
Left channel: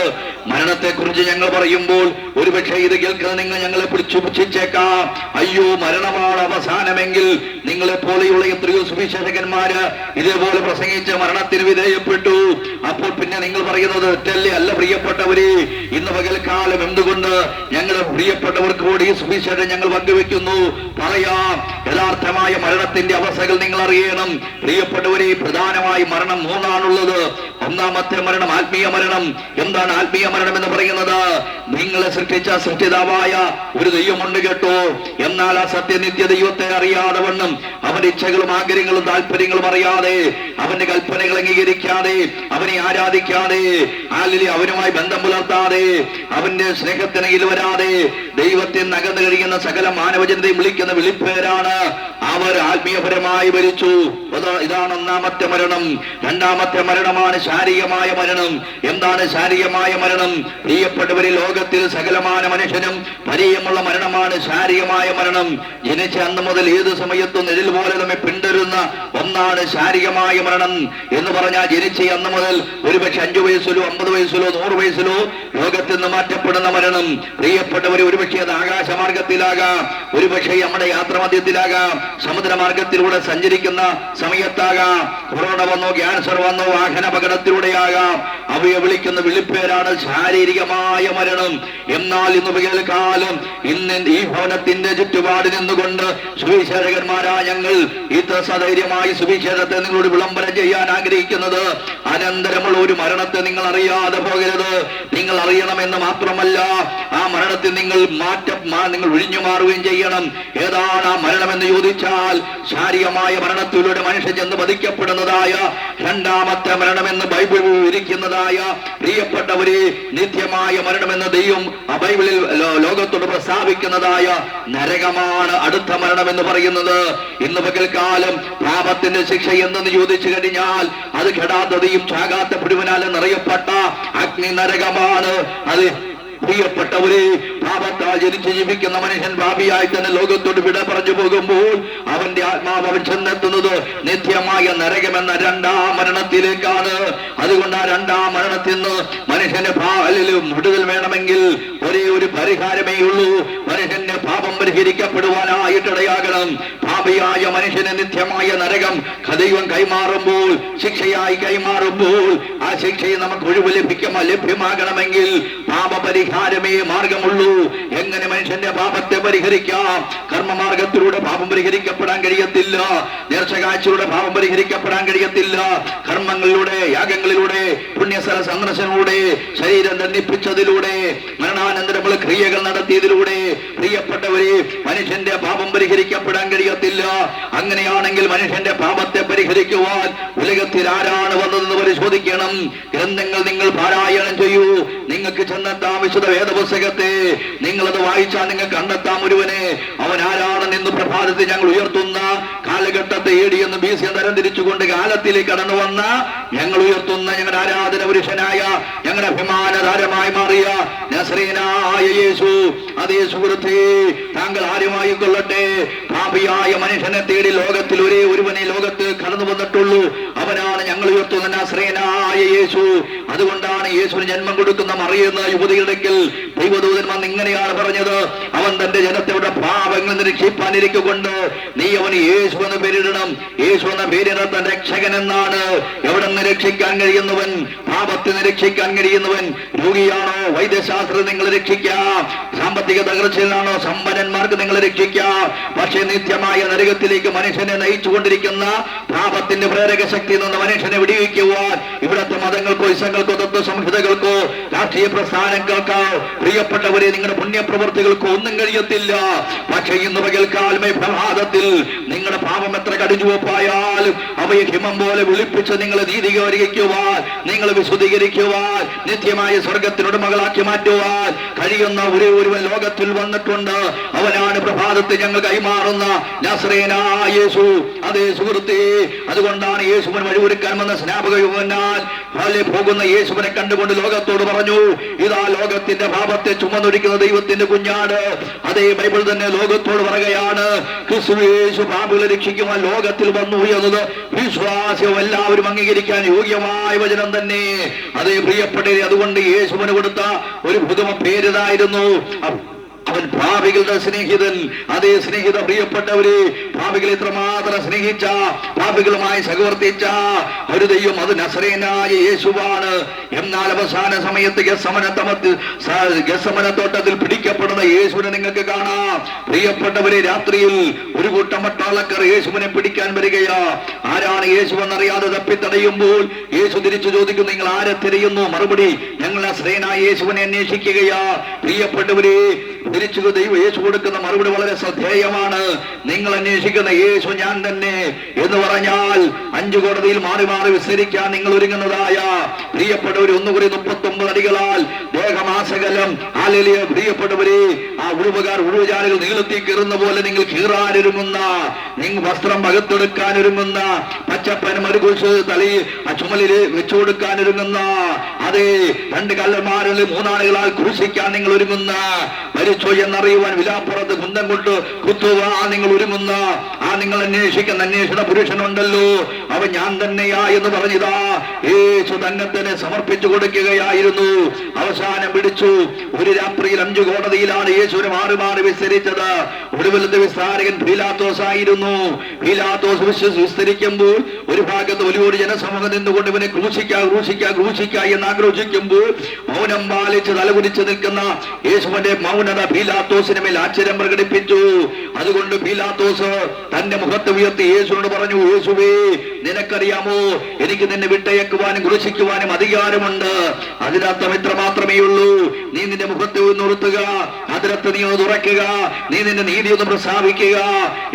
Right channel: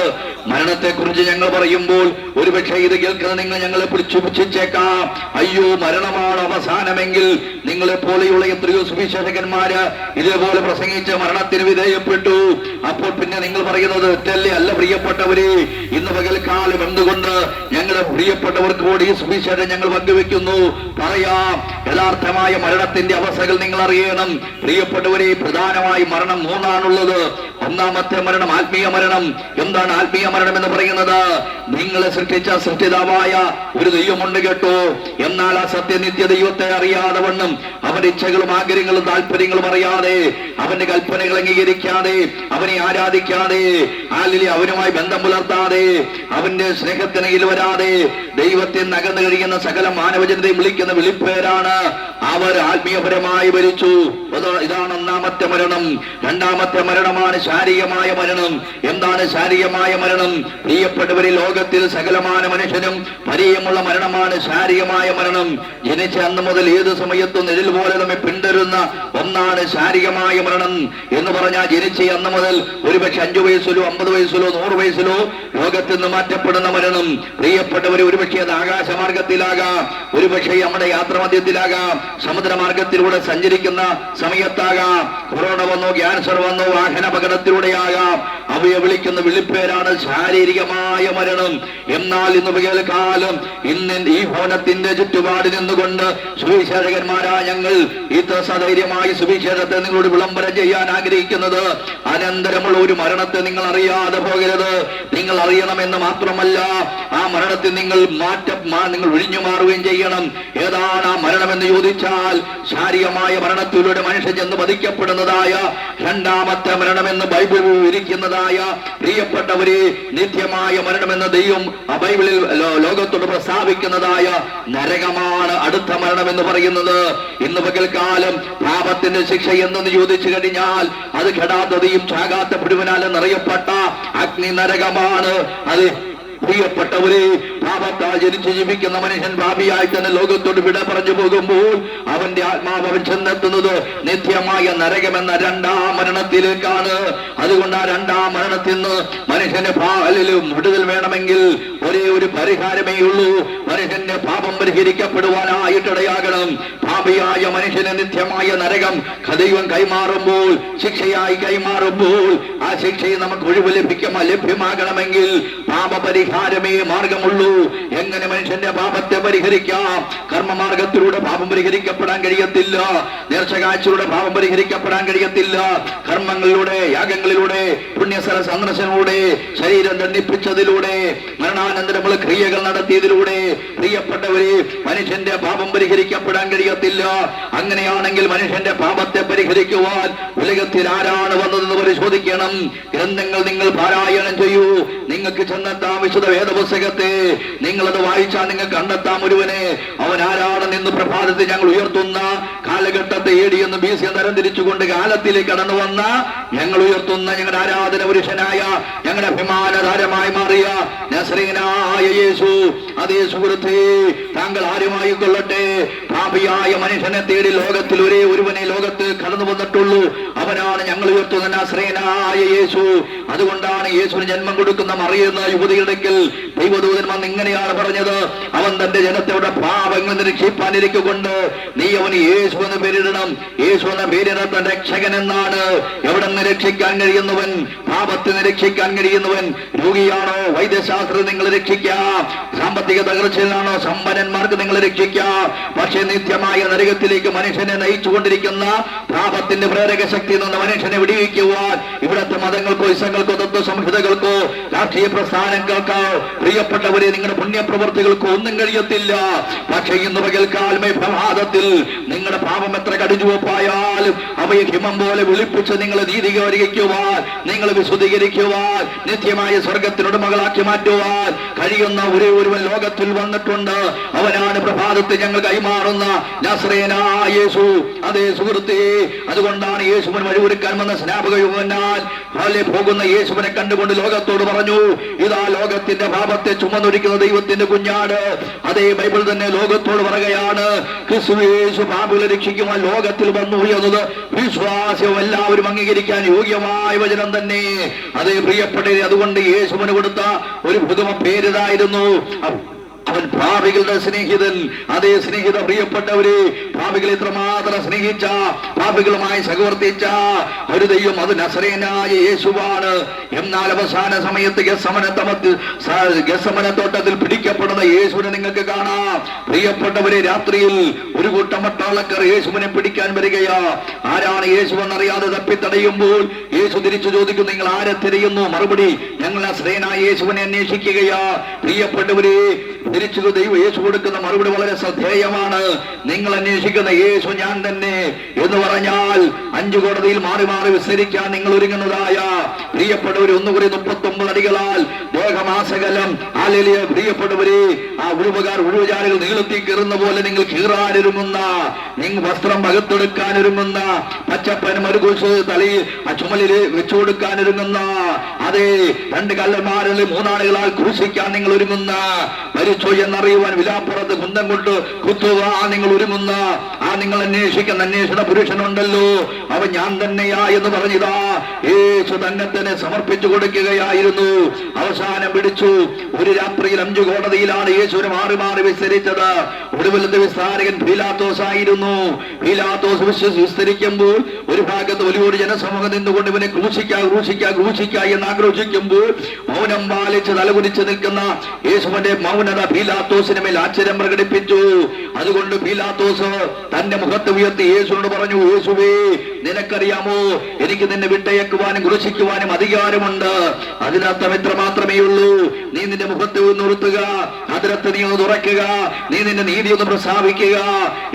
മരണത്തെ കുറിച്ച് ഞങ്ങൾ പറയുമ്പോൾ ഒരുപക്ഷെ ഇത് കേൾക്കുന്ന നിങ്ങൾ ഞങ്ങളെ പിടിച്ചു പുച്ഛിച്ചേക്കാം. അയ്യോ, മരണമാണ് അവസാനമെങ്കിൽ നിങ്ങളെ പോലെയുള്ള എത്രയോ സുവിശേഷകന്മാര് ഇതേപോലെ പ്രസംഗിച്ച് മരണത്തിന് വിധേയപ്പെട്ടു. അപ്പോൾ പിന്നെ നിങ്ങൾ പറയുന്നത് തെറ്റല്ലേ? അല്ല പ്രിയപ്പെട്ടവരെ, ഇന്ന് പകൽക്കാലം എന്തുകൊണ്ട് ഞങ്ങളെ പ്രിയപ്പെട്ടവർക്ക് കൂടി ഈ സുവിശേഷം ഞങ്ങൾ പങ്കുവെക്കുന്നു? പറയാം, യഥാർത്ഥമായ മരണത്തിന്റെ അവസ്ഥകൾ നിങ്ങൾ അറിയണം. പ്രിയപ്പെട്ടവരെ, പ്രധാനമായി മരണം മൂന്നാണുള്ളത്. ഒന്നാമത്തെ മരണം ആത്മീയ മരണം. എന്താണ് ആത്മീയ മരണം എന്ന് പറയുന്നത്? നിങ്ങളെ സൃഷ്ടിച്ച സൃഷ്ടിതാവായ ഒരു ദൈവമുണ്ട് കേട്ടോ. എന്നാൽ ആ സത്യനിത്യ ദൈവത്തെ അറിയാതെ വണ്ണം അവന്റെ ഇച്ഛകളും ആഗ്രഹങ്ങളും താല്പര്യങ്ങളും അറിയാതെ, അവന്റെ കൽപ്പനകൾ അംഗീകരിക്കാതെ, അവനെ ആരാധിക്കാതെ, അവനുമായി ബന്ധം പുലർത്താതെ, അവന്റെ സ്നേഹത്തിനയിൽ വരാതെ ദൈവത്തെ നകന്നു കഴിയുന്ന സകല മാനവജനതയും വിളിക്കുന്ന വിളിപ്പേരാണ് അവർ ആത്മീയപരമായി മരിച്ചു. ഇതാണ് ഒന്നാമത്തെ മരണം. രണ്ടാമത്തെ മരണമാണ് ശാരീരികമായ മരണം. എന്താണ് ശാരീരികമായ മരണം? പ്രിയപ്പെട്ടവരെ, ലോകത്തിൽ സകലമാന മനുഷ്യനും പരിചയമുള്ള മരണമാണ് ശാരീരികമായ മരണം. ജനിച്ച അന്ന് മുതൽ ഏത് സമയത്തും നിഴൽ പോലെ നമ്മെ പിന്തുടരുന്ന ഒന്നാണ് ശാരീരികമായ മരണം എന്ന് പറഞ്ഞാൽ, ജനിച്ച അന്ന് മുതൽ ഒരുപക്ഷെ 5 വയസ്സിലോ 50 വയസ്സിലോ 100 വയസ്സിലോ ലോകത്തിൽ നിന്ന് മാറ്റപ്പെടുന്ന മരണം. പ്രിയപ്പെട്ടവരെ, ഒരുപക്ഷെ അത് ആകാശമാർഗത്തിലാകാം, ഒരുപക്ഷെ നമ്മുടെ യാത്രാമധ്യത്തിലാകാം, സമുദ്രമാർഗത്തിലൂടെ സഞ്ചരിക്കുന്ന സമയത്താകാം, കൊറോണ വന്നോ, ക്യാൻസർ വന്നോ, വാഹന അപകടത്തിലൂടെയാകാം. അവയെ വിളിക്കുന്ന വിളിപ്പേരാണ് ശാരീരികമായ മരണം. എന്നാൽ ഇന്ന് പകൽക്കാലം ഇന്ന് ഈ ഭവനത്തിന്റെ ചുറ്റുപാട് നിന്നുകൊണ്ട് സുവിശേഷകന്മാരായ ഞങ്ങൾ ഇത്ര സധൈര്യമായി സുവിശേഷത്തെ നിങ്ങളോട് വിളംബരം ചെയ്യാൻ ആഗ്രഹിക്കുന്നത്, അനന്തരമുള്ള ഒരു മരണത്തെ നിങ്ങൾ അറിയാതെ പോകരുത്. നിങ്ങൾ അറിയണമെന്ന് മാത്രമല്ല, ആ മരണത്തിൽ നിങ്ങൾ നിങ്ങൾ ഒഴിഞ്ഞു മാറുകയും ചെയ്യണം. ഏതാണ് ആ മരണമെന്ന് ചോദിച്ചാൽ, ശാരീരികമായ മരണത്തിലൂടെ മനുഷ്യൻ ചെന്ന് വധിക്കപ്പെടുന്നതായ രണ്ടാമത്തെ മരണമെന്ന് ബൈബിൾ വിവരിക്കുന്നതായ, പ്രിയപ്പെട്ടവരെ, നിത്യമായ മരണമെന്ന് ദൈവം ബൈബിളിൽ ലോകത്തോട് പ്രസ്താവിക്കുന്നതായ നരകമാണ് അടുത്ത മരണമെന്ന് പറയുന്നത്. ഇന്ന് പകൽക്കാലം പാപത്തിന്റെ ശിക്ഷ എന്തെന്ന് ചോദിച്ചു കഴിഞ്ഞാൽ, അത് കെടാത്തതയും ചാകാത്ത പുഴുവിനാലും നിറയപ്പെട്ട അഗ്നി നരകമാണ്. അത് പ്രിയപ്പെട്ടവരെ, പാപത്താൽ ജനിച്ച് ജീവിക്കുന്ന മനുഷ്യൻ പാപിയായി തന്നെ ലോകത്തോട് വിട പറഞ്ഞു പോകുമ്പോൾ അവന്റെ ആത്മാവ് അവൻ ചെന്നെത്തുന്നത് നിത്യമായ നരകമെന്ന രണ്ടാം മരണത്തിലേക്കാണ്. അതുകൊണ്ട് ആ രണ്ടാം മരണത്തിൽ നിന്ന് മനുഷ്യന്റെ പാലിലും വിടുതൽ വേണമെങ്കിൽ ഒരേ ഒരു പരിഹാരമേ ഉള്ളൂ. മനുഷ്യന്റെ പാപം പരിഹരിക്കപ്പെടുവാനായിട്ടിടയാകണം. പാപിയായ മനുഷ്യന് നിത്യമായ നരകം ദൈവം കൈമാറുമ്പോൾ, ശിക്ഷയായി കൈമാറുമ്പോൾ, ആ ശിക്ഷയിൽ നമുക്ക് ഒഴിവ് ലഭ്യമാകണമെങ്കിൽ പാപപരിഹാരമേ മാർഗമുള്ളൂ. എങ്ങനെ മനുഷ്യന്റെ പാപത്തെ പരിഹരിക്കാം? കർമ്മമാർഗത്തിലൂടെ പാപം പരിഹരിക്കപ്പെടാൻ കഴിയത്തില്ല. നേർച്ചകാഴ്ചയിലൂടെ പാപം പരിഹരിക്കപ്പെടാൻ കഴിയത്തില്ല. കർമ്മങ്ങളിലൂടെ, യാഗങ്ങളിലൂടെ, പുണ്യസ്ഥല സന്ദർശനത്തിലൂടെ, ശരീരം ദണ്ഡിപ്പിച്ചതിലൂടെ, മരണാനന്തരമുള്ള ക്രിയകൾ നടത്തിയതിലൂടെ, പ്രിയപ്പെട്ടവരെ, മനുഷ്യന്റെ പാപം പരിഹരിക്കപ്പെടാൻ കഴിയത്തില്ല. അങ്ങനെയാണെങ്കിൽ മനുഷ്യന്റെ പാപത്തെ പരിഹരിക്കുവാൻ ഉലകത്തിൽ ആരാണ് വന്നതെന്ന് പരിശോധിക്കണം. ഗ്രന്ഥങ്ങൾ നിങ്ങൾ പാരായണം ചെയ്യൂ. നിങ്ങൾക്ക് ചെന്നെത്താം വിശുദ്ധ വേദപുസ്തകത്തെ. നിങ്ങളത് വായിച്ചാൽ നിങ്ങൾക്ക് കണ്ടെത്താം ഒരുവനെ. അവൻ ആരാണെന്ന് ഇന്ന് പ്രഭാതത്തിൽ ഞങ്ങൾ ഉയർത്തുന്ന കാലഘട്ടത്തെ AD എന്ന് BC തരം തിരിച്ചുകൊണ്ട് കാലത്തിലേക്ക് കടന്നു വന്ന ഞങ്ങൾ ഉയർത്തുന്ന ഞങ്ങളുടെ ആരാധന പുരുഷനായ, ഞങ്ങളുടെ അഭിമാനതാരമായി മാറിയ നസറേയനായ യേശു. അതേ സുഹൃത്തേ, താങ്കൾ ആരുമായി കൊള്ളട്ടെ, പാപിയായ മനുഷ്യനെ തേടി ലോകത്തിൽ ഒരേ ഒരുവനെ ലോകത്ത് കടന്നു വന്നിട്ടുള്ളൂ. അവനാണ് ഞങ്ങൾ ഉയർത്തുന്ന നസറേയനായ യേശു. അതുകൊണ്ടാണ് യേശുവിന് ജന്മം കൊടുക്കുന്ന മറിയുന്ന യുവതിയുടെക്കൽ ദൈവദൂതന്മാർ ഇങ്ങനെയാണ് പറഞ്ഞത്, അവൻ തന്റെ ജനത്തോടെ പാപങ്ങൾ രക്ഷിപ്പാനിരിക്കൊണ്ട് നീ അവന് യേശു എന്ന് പേരിടണം. യേശു എന്ന പേരിടത്തൻ രക്ഷകൻ എന്നാണ്. എവിടെ നിന്ന് രക്ഷിക്കാൻ കഴിയുന്നവൻ? പാപത്തിന് രക്ഷിക്കാൻ കഴിയുന്നവൻ. രോഗിയാണോ? വൈദ്യശാസ്ത്രം നിങ്ങൾ രക്ഷിക്കാം. സാമ്പത്തിക തകർച്ചയിലാണോ? സമ്പന്നന്മാർക്ക് നിങ്ങൾ രക്ഷിക്കാം. പക്ഷേ നിത്യമായ നരകത്തിലേക്ക് മനുഷ്യനെ നയിച്ചുകൊണ്ടിരിക്കുന്ന പാപത്തിന്റെ പ്രേരക ശക്തി നിന്ന് മനുഷ്യനെ വിടിവിക്കുവാൻ ഇവിടത്തെ മതങ്ങൾക്കോ ഇസങ്ങൾക്കോ തത്വ സംഹിതകൾക്കോ രാഷ്ട്രീയ പ്രസ്ഥാനങ്ങൾക്കോ പ്രിയപ്പെട്ടവരെ നിങ്ങളുടെ പുണ്യപ്രവർത്തികൾക്കോ ഒന്നും കഴിയും കഴിയത്തില്ല. പക്ഷെ ഇന്ന് പകൽക്കാലമേ പ്രഭാതത്തിൽ നിങ്ങളുടെ പാപം എത്ര കടിഞ്ഞുവപ്പായാലും അവയെ ഹിമം പോലെ വിളിപ്പിച്ച് നിങ്ങളെ നീതീകരിക്കുവാൻ, നിങ്ങളെ വിശുദ്ധീകരിക്കുവാൻ, നിത്യമായ സ്വർഗത്തിനോട് മകളാക്കി മാറ്റുവാൻ കഴിയുന്ന ഒരേ ഒരുവൻ ലോകത്തിൽ വന്നിട്ടുണ്ട്. അവനാണ് പ്രഭാതത്തിൽ ഞങ്ങൾ കൈമാറുന്ന നസറേയനായ യേശു. അതേ സുഹൃത്തേ, അതുകൊണ്ടാണ് യേശുവിന് വഴിയൊരുക്കാൻ വന്ന സ്നാപക യോഹന്നാൻ പോകുന്ന യേശുവിനെ കണ്ടുകൊണ്ട് ലോകത്തോട് പറഞ്ഞു, ഇതാ ലോകത്തിന്റെ പാപത്തെ ചുമന്നൊരിക്കുന്ന ദൈവത്തിന്റെ കുഞ്ഞാട്. അതേ ബൈബിൾ തന്നെ ലോകത്തോട് പറയുകയാണ്, ക്രിസ്തു യേശു പാപികളെ രക്ഷിക്കുവാൻ ലോകത്തിൽ വന്നു എന്നത് വിശ്വാസവും എല്ലാവരും അംഗീകരിക്കാൻ യോഗ്യമായ വചനം തന്നെ. അതേ പ്രിയപ്പെട്ടവരെ, അതുകൊണ്ട് യേശുവിന് കൊടുത്ത ഒരു പുതുമ പേരിതായിരുന്നു, അവൻ പാപികളുടെ സ്നേഹിതൻ. അതേ സ്നേഹിത പ്രിയപ്പെട്ടവരെ, പാപികളെ എത്രമാത്രം സ്നേഹിച്ച, പാപികളുമായി സഹവർത്തിച്ച ഒരു ദൈവം അത് നസറേയനായ യേശുവാണ്. എന്നാൽ അവസാന സമയത്ത് ഗെത്സമന തോട്ടത്തിൽ പിടിക്കപ്പെടുന്ന യേശുവിനെ നിങ്ങൾക്ക് കാണാം. പ്രിയപ്പെട്ടവരെ, രാത്രിയിൽ ഒരു കൂട്ടം പട്ടാളക്കാർ യേശുവിനെ പിടിക്കാൻ വരികയാ. ആരാണ് യേശുവെന്നറിയാതെ തപ്പിത്തടയുമ്പോൾ യേശു തിരിച്ചു ചോദിക്കും, നിങ്ങൾ ആരെ തിരയുന്നു? മറുപടി, ഞങ്ങൾ നസറേയനായ യേശുവിനെ അന്വേഷിക്കുകയാ. പ്രിയപ്പെട്ടവരെ, തിരിച്ചു ദൈവം യേശു കൊടുക്കുന്ന മറുപടി വളരെ ശ്രദ്ധേയമാണ്. നിങ്ങൾ അന്വേഷിക്കുന്ന യേശു ഞാൻ തന്നെ എന്ന് പറഞ്ഞാൽ 5 കോടതിയിൽ മാറി മാറി വിസ്തരിക്കാൻ നിങ്ങൾ ഒരുങ്ങുന്നതായ പ്രിയപ്പെട്ടവർ, ഒന്നുകൂടി 39 അടികളാൽ ദേഹമാസകലം ആലലിയ പ്രിയപ്പെട്ടവരെ, ആ ഉഴുവജാലികൾ നീളത്തി കീറുന്ന പോലെ നിങ്ങൾ കീറാനൊരുങ്ങുന്ന, നിങ്ങൾ വസ്ത്രം പകത്തെടുക്കാനൊരുങ്ങുന്ന, പച്ചപ്പൻ മരുകുശ് തലയിൽ ചുമലിൽ വെച്ചു കൊടുക്കാനൊരുങ്ങുന്ന, അതേ 2 കള്ളന്മാരിൽ 3 ആളുകളാൽ ക്രൂശിക്കാൻ നിങ്ങൾ ഒരുങ്ങുന്ന, മരിച്ചോ എന്നറിയുവാൻ വിലാപ്പുറത്ത് കുന്തം കൊണ്ട് കുത്തുവാൻ നിങ്ങൾ ഒരുങ്ങുന്ന, ആ നിങ്ങൾ അന്വേഷിക്കുന്ന അന്വേഷണ പുരുഷനുണ്ടല്ലോ, അവൻ ഞാൻ തന്നെയാ എന്ന് പറഞ്ഞിതാ യേശു തന്നെ സമർപ്പിച്ചു കൊടുക്കുകയായിരുന്നു. അവസാനം പിടിച്ചു. ഒരു രാത്രിയിൽ 5 കോടതിയിലാണ് യേശുവിനെ മാറി മാറി വിസ്തരിച്ചത്. ഒടുവിലത്തെ വിസ്താരകൻ പീലാത്തോസ് ആയിരുന്നു. പീലാത്തോസ് വിസ്തരിക്കുമ്പോൾ ഒരു ഭാഗത്ത് വലിയൊരു ജനസമൂഹം നിന്നുകൊണ്ട് ഇവനെ ക്രൂശിക്ക എന്ന് ആക്രോശിക്കുമ്പോൾ മൗനം പാലിച്ച് തലകുനിച്ച് നിൽക്കുന്ന യേശുവിന്റെ മൗനത പീലാത്തോസിന് മേൽ ആശ്ചര്യം പ്രകടിപ്പിച്ചു. അതുകൊണ്ട് പീലാത്തോസ് തന്റെ മുഖത്ത് ഉയർത്തി യേശുവിനോട് പറഞ്ഞു, യേശുവേ, നിനക്കറിയാമോ എനിക്ക് നിന്നെ വിട്ടയക്കുവാനും ക്രൂശിക്കുവാനും അധികാരമുണ്ട്. അതിനർത്ഥം എത്ര മാത്രമേ ഉള്ളൂ, നീ നിന്റെ മുഖത്തെ ഒന്ന് ഉയർത്തുക, അതിനകത്ത് നീ ഒന്ന് തുറയ്ക്കുക, നീ നിന്റെ നീതി ഒന്ന് പ്രസ്താവിക്കുക.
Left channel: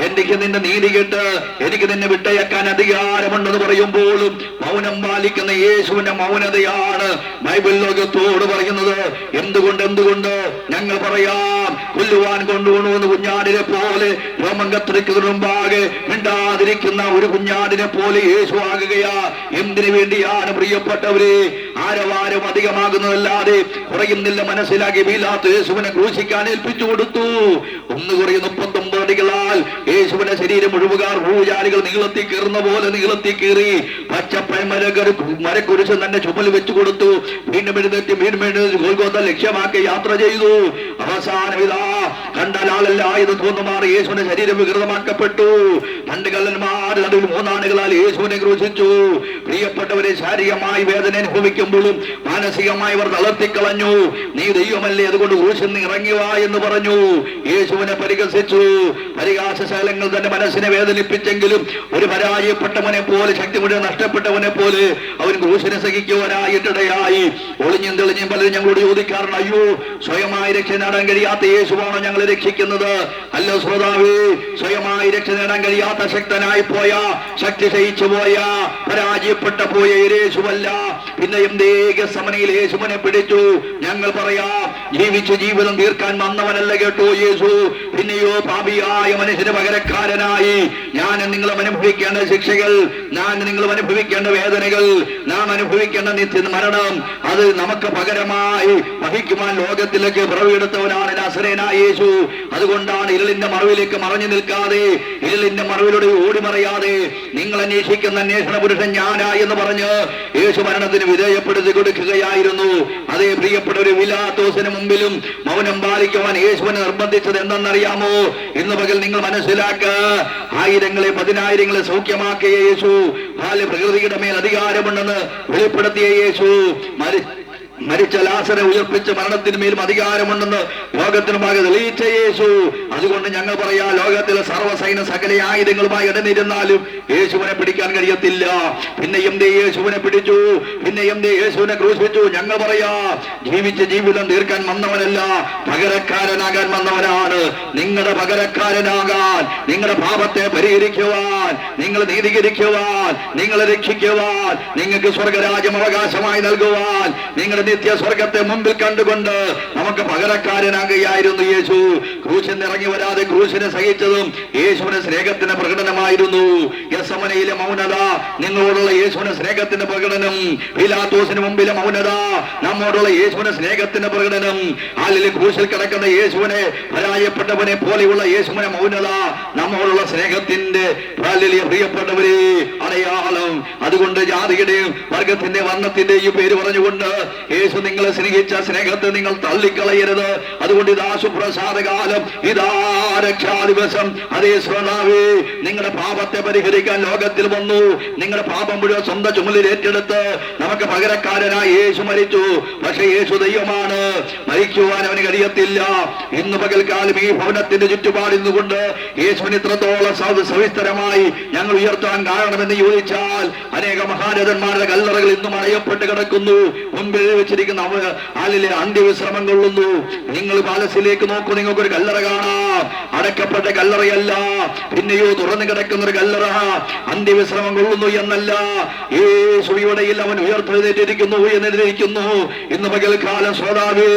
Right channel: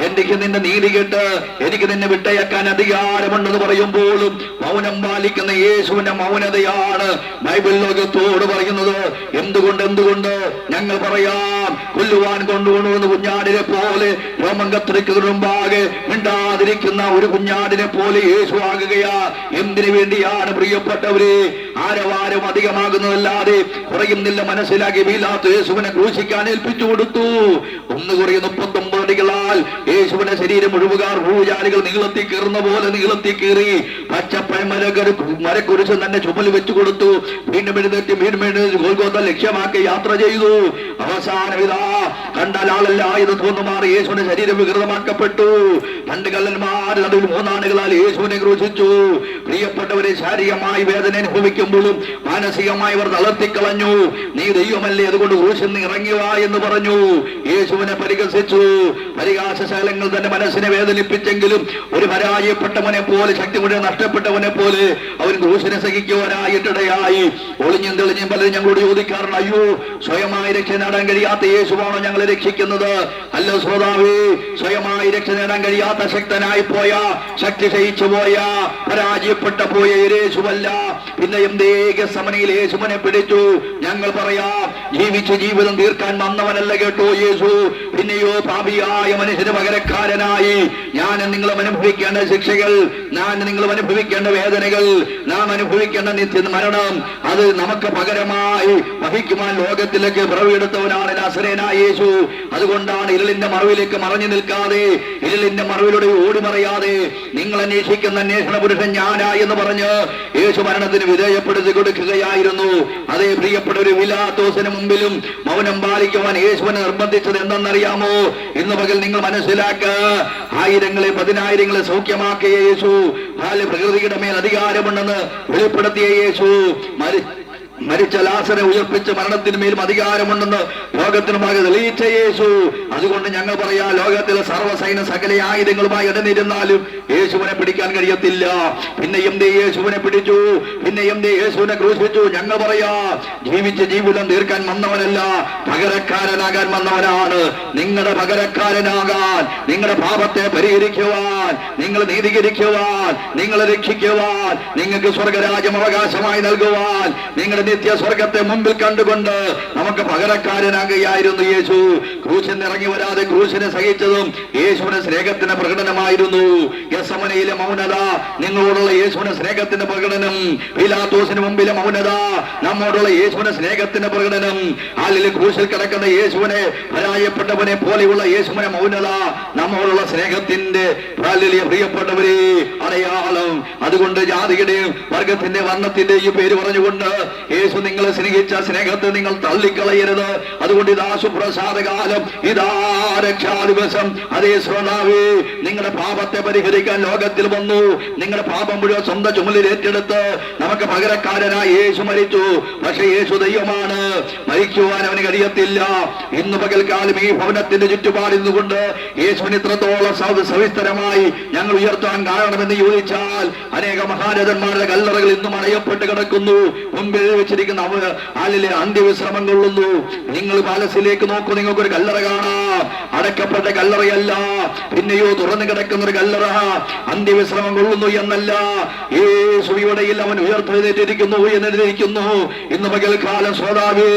എനിക്ക് നിന്റെ നീതി കേട്ട് എനിക്ക് നിന്നെ വിട്ടയക്കാൻ അധികാരമുണ്ടെന്ന് പറയുമ്പോഴും മൗനം പാലിക്കുന്ന യേശുവിന്റെ മൗനതയാണ് ബൈബിൾ ലോകത്തോട് പറയുന്നത്. എന്തുകൊണ്ട് ഞങ്ങൾ പറയാം, കൊല്ലുവാൻ കൊണ്ടുപോകുന്ന കുഞ്ഞാടിനെ പോലെ, രോമം കത്തിരിക്കുന്നതിന് മുമ്പാകെ മിണ്ടാതിരിക്കുന്ന ഒരു കുഞ്ഞാടിനെ പോലെ യേശു ആകുകയാ. എന്തിനു വേണ്ടിയാണ് പ്രിയപ്പെട്ടവരെ? ആരവാരം അധികമാകുന്നതല്ലാതെ കുറയുന്നില്ല മനസ്സിലാക്കി പീലാത്തോസ് യേശുവിനെ ക്രൂശിക്കാൻ ഏൽപ്പിച്ചു കൊടുത്തു. 1:39 അടികളാൽ യേശുവിന്റെ ശരീരം മുഴുവൻ ഊജാലികൾ നീളത്തി കീറുന്ന പോലെ നീളത്തി കീറി മരക്കുരിശ് തന്നെ ചുമൽ വെച്ചു കൊടുത്തു. വീണ്ടും എഴുന്നേറ്റ് ഗോൽഗോഥ ലക്ഷ്യമാക്കി യാത്ര ചെയ്തു. അവസാനം ഇതാ കണ്ടാൽ ആളല്ല എന്ന് തോന്നുമാറി യേശുവിന്റെ ശരീരം വികൃതമാക്കപ്പെട്ടു. 2 കള്ളന്മാർ അതിൽ 3 ആളുകളാൽ യേശുവിനെ ക്രൂശിച്ചു. പ്രിയപ്പെട്ടവരെ, ശാരീരികമായി വേദന അനുഭവിക്കുമ്പോഴും മാനസികമായി അവർ തളർത്തിക്കളഞ്ഞു. നീ ദൈവമല്ലേ, അതുകൊണ്ട് ക്രൂശിൽ നിന്ന് ഇറങ്ങിയ എന്ന് പറഞ്ഞു. യേശുവിനെ പരിഹസിച്ചു. പരിഹാസശാലങ്ങൾ തന്റെ മനസ്സിനെ വേദനിപ്പിച്ചെങ്കിലും ഒരു പരാജയപ്പെട്ടവനെ പോലെ, ശക്തി മുഴുവൻ നഷ്ടപ്പെട്ടവനെ പോലെ അവൻ ക്രൂശിനെ സഹിക്കുവാനായിട്ടിടയായി. ഒളിഞ്ഞും തെളിഞ്ഞും പലരും ഞങ്ങളോട് ചോദിക്കാറുണ്ട്, അയ്യോ, സ്വയമായി രക്ഷ നേടാൻ കഴിയാത്ത യേശുവാണോ ഞങ്ങളെ രക്ഷിക്കുന്നത്? അല്ല ശ്രോതാവേ, സ്വയമായി രക്ഷ നേടാൻ കഴിയാത്ത ശക്തനായി പോയ, ശക്തി ക്ഷയിച്ചു പോയ, പരാജയപ്പെട്ട പോയ യേശുവല്ല. പിന്നെ എന്തേ ഗെത്സമനയിൽ യേശുവിനെ പിടിച്ചു? ഞങ്ങൾ പറയാം, ജീവിച്ചു ജീവിതം തീർക്കാൻ വന്നവനല്ല കേട്ടോ യേശു. പിന്നെയോ പാപിയായ മനുഷ്യന് പകരക്കാരനായി ഞാൻ നിങ്ങളും അനുഭവിക്കേണ്ട ശിക്ഷകൾ, ഞാൻ നിങ്ങളും അനുഭവിക്കേണ്ട വേദനകൾ, നാം അനുഭവിക്കേണ്ട നിത്യ മരണം, അത് നമുക്ക് പകരമായി വഹിക്കുവാൻ ലോകത്തിലേക്ക് പിറവിയെടുത്തവനാണ് നസറേയനായ യേശു. അതുകൊണ്ടാണ് ഇരുളിന്റെ മറവിലേക്ക് മറഞ്ഞു നിൽക്കാതെ, ഇരുളിന്റെ മറവിലൂടെ ഓടി മറയാതെ, നിങ്ങൾ അന്വേഷിക്കുന്ന അന്വേഷണ പുരുഷൻ ഞാനാ എന്ന് പറഞ്ഞ് യേശു മരണത്തിന് വിധേയപ്പെടുത്തി കൊടുക്കുകയായിരുന്നു. അതേ പ്രിയപ്പെട്ട ഒരു പീലാത്തോസിന് മുമ്പിലും മൗനം പാലിക്കുവാൻ യേശുവിനെ നിർബന്ധിച്ചത് എന്തെന്നറിയാമോ? ഇന്ന് പകൽ നിങ്ങൾ മനസ്സിലാക്ക, ആയിരങ്ങളെ 10,000 സൗഖ്യമാക്കിയ യേശു, പ്രകൃതിയുടെ മേൽ അധികാരമുണ്ടെന്ന് വെളിപ്പെടുത്തിയ യേശു, മരിച്ച ലാസറെ ഉയർപ്പിച്ച് മരണത്തിന്മേലും അധികാരമുണ്ടെന്ന് ലോകത്തിന് ഭാഗം തെളിയിച്ച യേശു. അതുകൊണ്ട് ഞങ്ങൾ പറയാ, ലോകത്തിലെ സർവ്വസൈന്യ സകല ആയുധങ്ങളുമായി ഇടനിരുന്നാലും യേശുവിനെ പിടിക്കാൻ കഴിയത്തില്ല. പിന്നെ എന്തേ യേശുവിനെ പിടിച്ചു? പിന്നെ എന്തേ യേശുവിനെ ക്രൂശിച്ചു? ഞങ്ങൾ പറയാ, ജീവിച്ച ജീവിതം തീർക്കാൻ വന്നവനല്ല, പകരക്കാരനാകാൻ വന്നവനാണ്. നിങ്ങളുടെ പകരക്കാരനാകാൻ, നിങ്ങളുടെ പാപത്തെ പരിഹരിക്കുവാൻ, നിങ്ങൾ നീതീകരിക്കുവാൻ, നിങ്ങളെ രക്ഷിക്കുവാൻ, നിങ്ങൾക്ക് സ്വർഗരാജ്യം അവകാശമായി നൽകുവാൻ, നിങ്ങളുടെ നിത്യ സ്വർഗത്തെ മുമ്പിൽ കണ്ടുകൊണ്ട് നമുക്ക് പകരക്കാരനാകുകയായിരുന്നു യേശു. ക്രൂശിൽ ഇറങ്ങി വരാതെ ക്രൂശിനെ സഹിച്ചതും യേശുവിന്റെ സ്നേഹത്തിന്റെ പ്രകടനമായിരുന്നു. ഗെത്സമനയിലെ മൗനത നിങ്ങളോടുള്ള യേശുവിന്റെ സ്നേഹത്തിന്റെ പ്രകടനം. പീലാത്തോസിന് മുമ്പിലെ മൗനത നമ്മോടുള്ള യേശുവിന്റെ സ്നേഹത്തിന്റെ പ്രകടനം. ഹാലിൽ ക്രൂശിൽ കിടക്കുന്ന യേശുവിനെ, പരാജയപ്പെട്ടവനെ പോലെയുള്ള യേശുവിന്റെ മൗനത നമ്മോടുള്ള സ്നേഹത്തിന്റെ പ്രിയപ്പെട്ടവരെ അടയാളം. അതുകൊണ്ട് ജാതിയുടെയും വർഗത്തിന്റെ വർണ്ണത്തിന്റെയും പേര് പറഞ്ഞുകൊണ്ട് യേശു നിങ്ങളെ സ്നേഹിച്ച സ്നേഹത്തെ നിങ്ങൾ തള്ളിക്കളയരുത്. അതുകൊണ്ട് ഇതാ സുപ്രസാദകാലം, ഇതാ രക്ഷാദിവസം. അതേ ശ്രോതാവേ, നിങ്ങളുടെ പാപത്തെ പരിഹരിക്കാൻ ലോകത്തിൽ വന്നു. നിങ്ങളുടെ പാപം മുഴുവൻ സ്വന്തം ചുമലിൽ ഏറ്റെടുത്ത് നമുക്ക് പകരക്കാരനായി യേശു മരിച്ചു. പക്ഷെ യേശു ദൈവമാണ്, മരിക്കുവാൻ അവന് കഴിയത്തില്ല. ഇന്ന് പകൽക്കാലം ഈ ഭവനത്തിന്റെ ചുറ്റുപാടിൽ കൊണ്ട് യേശുവിന് ഇത്രത്തോളം സവിസ്തരമായി ഞങ്ങൾ ഉയർത്താൻ കാരണമെന്ന് ചോദിച്ചാൽ, അനേക മഹാരഥന്മാരുടെ കല്ലറകൾ ഇന്നും അടയപ്പെട്ട് കിടക്കുന്നു. മുമ്പിൽ വെച്ചിരിക്കുന്ന ആലിലെ അന്ത്യവിശ്രമം കൊള്ളുന്നു. നിങ്ങൾ പാലസിലേക്ക് നോക്കൂ, നിങ്ങൾക്കൊരു കല്ലറ കാണാം. അടക്കപ്പെട്ട കല്ലറയല്ല, പിന്നെയോ തുറന്നു കിടക്കുന്ന ഒരു കല്ലറ. അന്ത്യവിശ്രമം കൊള്ളുന്നു എന്നല്ല, യേശുവിടയിൽ അവൻ ഉയർത്തെഴുന്നേറ്റിരിക്കുന്നു എന്നിരിക്കുന്നു. ഇന്ന് പകൽക്കാലം ശ്രോതാവേ,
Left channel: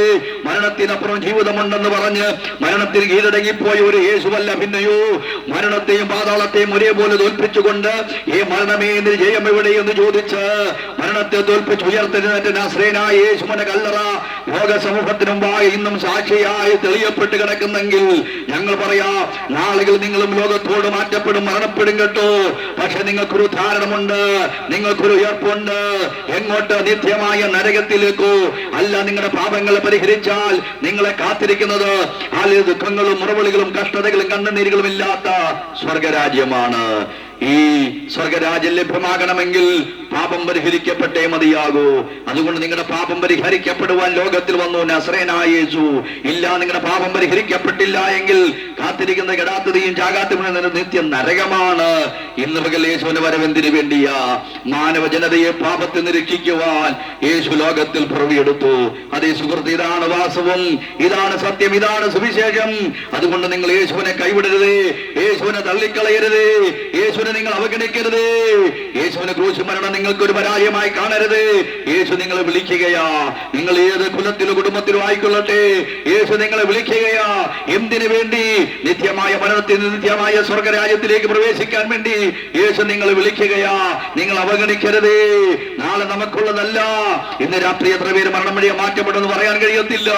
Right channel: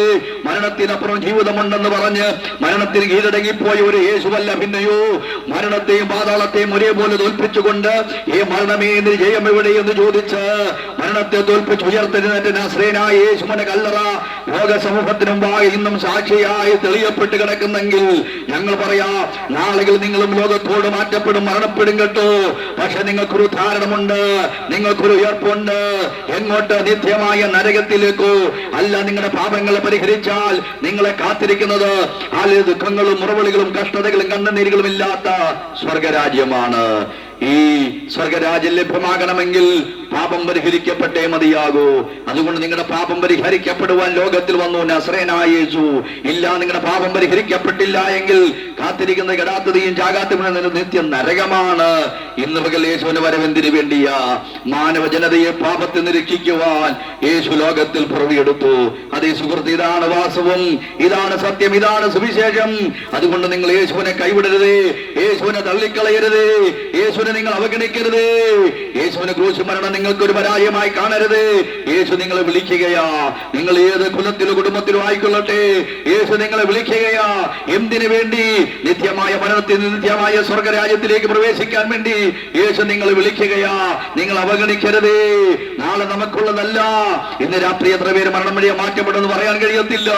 മരണത്തിനപ്പുറം ജീവിതമുണ്ടെന്ന് പറഞ്ഞ് മരണത്തിന് കീഴടങ്ങിപ്പോയ ഒരു യേശുവല്ല, പിന്നെയോ മരണത്തെയും പാതാളത്തെയും ഒരേപോലെ തോൽപ്പിച്ചുകൊണ്ട് ഈ മരണമേ എന്ന് ജയം എവിടെയെന്ന് ചോദിച്ച് മരണത്തെ തോൽപ്പിച്ച് ഉയർത്തെഴുന്നേറ്റ നസ്രേനായ യേശുവിന്റെ കല്ലറ ലോക സമൂഹത്തിന് മുമ്പാകെ ഇന്നും സാക്ഷിയായി തെളിയപ്പെട്ട് കിടക്കുന്നെങ്കിൽ ഞങ്ങൾ പറയാ, നാളുകൾ നിങ്ങളും ലോകത്തോട് മാറ്റപ്പെടും, മരണപ്പെടും കേട്ടോ. പക്ഷെ നിങ്ങൾക്കൊരു ധാരണമുണ്ട്, നിങ്ങൾക്കൊരു ഉയർപ്പുണ്ട്. എങ്ങോട്ട്? നിത്യമായ നരകത്തിലേക്കോ അല്ല. നിങ്ങളുടെ പാപങ്ങളെ പരിഹരിച്ചാൽ നിങ്ങളെ കാത്തിരിക്കുന്നത് ആ ദുഃഖങ്ങളും മുറവിളികളും കഷ്ടതകളും കണ്ണുനീരുകളും ഇല്ലാത്ത സ്വർഗരാജ്യമാണ്. ഈ സ്വർഗരാജ്യം ലഭ്യമാകണമെങ്കിൽ പാപം പരിഹരിക്കപ്പെട്ടേ മതിയാകൂ. അതുകൊണ്ട് നിങ്ങളുടെ പാപം പരിഹരിക്കപ്പെടുവാൻ ലോകത്തിൽ വന്നു നസ്രേനായ യേശു. ഇല്ല, നിങ്ങളുടെ പാപം പരിഹരിക്കപ്പെട്ടില്ല എങ്കിൽ കാത്തിരിക്കുന്ന കെടാത്തതയും ചാകാത്തവനും നിത്യം നരകമാണ്. ഇന്ന് പകൽ യേശുവിന്റെ വരവെന്തിനു വേണ്ടിയാ? മാനവ ജനതയെ പാപത്തിൽ നിന്ന് രക്ഷിക്കുവാൻ യേശു ലോകത്തിൽ പിറവിയെടുത്തു. അതേ സുഹൃത്ത്, ഇതാണ് വാസ്തവം, ഇതാണ് സത്യം, ഇതാണ് സുവിശേഷം. അതുകൊണ്ട് നിങ്ങൾ യേശുവിനെ കൈവിടരുതേ, യേശുവിനെ തള്ളിക്കളയരുതേ, യേശുവിനെ നിങ്ങൾ അവഗണിക്കരുത്. യേശുവിനെ ക്രൂശ് മരണം നിങ്ങൾക്കൊരു പരാജയമായി കാണരുത്. യേശു നിങ്ങളെ വിളിക്കുകയാ. നിങ്ങൾ ഏത് കുലത്തിലോ കുടുംബത്തിലോ ആയിക്കൊള്ളട്ടെ, യേശു നിങ്ങളെ വിളിക്കുകയാ. എന്തിനു വേണ്ടി? നിത്യമായ മരണത്തിൽ നിത്യമായ സ്വർഗരാജ്യത്തിലേക്ക് പ്രവേശിക്കാൻ വേണ്ടി യേശു നിങ്ങളെ വിളിക്കുകയാ. നിങ്ങൾ അവഗണിക്കരുത്. നാളെ നമുക്കുള്ളതല്ല. ഇന്ന് രാത്രി എത്ര പേര് മരണം വഴിയെ മാറ്റപ്പെടുമെന്ന് പറയാൻ കഴിയത്തില്ല.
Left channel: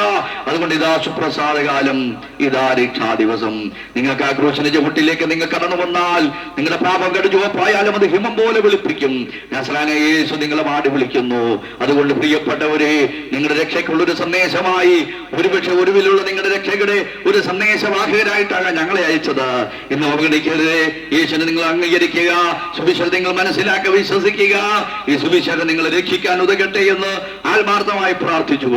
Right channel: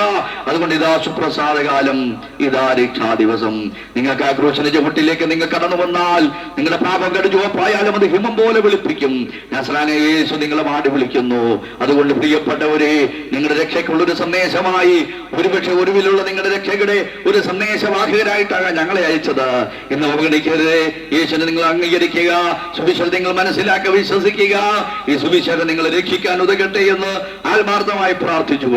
അതുകൊണ്ട് ഇതാ സുപ്രസാദകാലം, ഇതാ രക്ഷാ ദിവസം. നിങ്ങൾക്ക് ആ ക്രൂശിന്റെ ചുവട്ടിലേക്ക് നിങ്ങൾ കടന്നു വന്നാൽ നിങ്ങളുടെ പാപം കടുജുവപ്പായാലും അത് ഹിമം പോലെ വെളുപ്പിക്കും. നസ്രാനെ യേശു നിങ്ങളെ മാടി വിളിക്കുന്നു. അതുകൊണ്ട് പ്രിയപ്പെട്ടവരെ, നിങ്ങളുടെ രക്ഷയ്ക്കുള്ളൊരു സന്ദേശമായി, ഒരുപക്ഷെ ഒരുവിലുള്ള നിങ്ങളുടെ രക്ഷയുടെ ഒരു സന്ദേശവാഹകരായിട്ടാകാൻ ഞങ്ങളെ അയച്ചത്. ഇന്ന് അവഗണിക്കരുത്. യേശുവിനെ നിങ്ങൾ അംഗീകരിക്കുക, സുവിശേഷം നിങ്ങൾ മനസ്സിലാക്കുക, വിശ്വസിക്കുക. ഈ സുവിശേഷം നിങ്ങളെ രക്ഷിക്കാൻ ഉതകട്ടെ എന്ന് ആത്മാർത്ഥമായി പ്രാർത്ഥിച്ചു.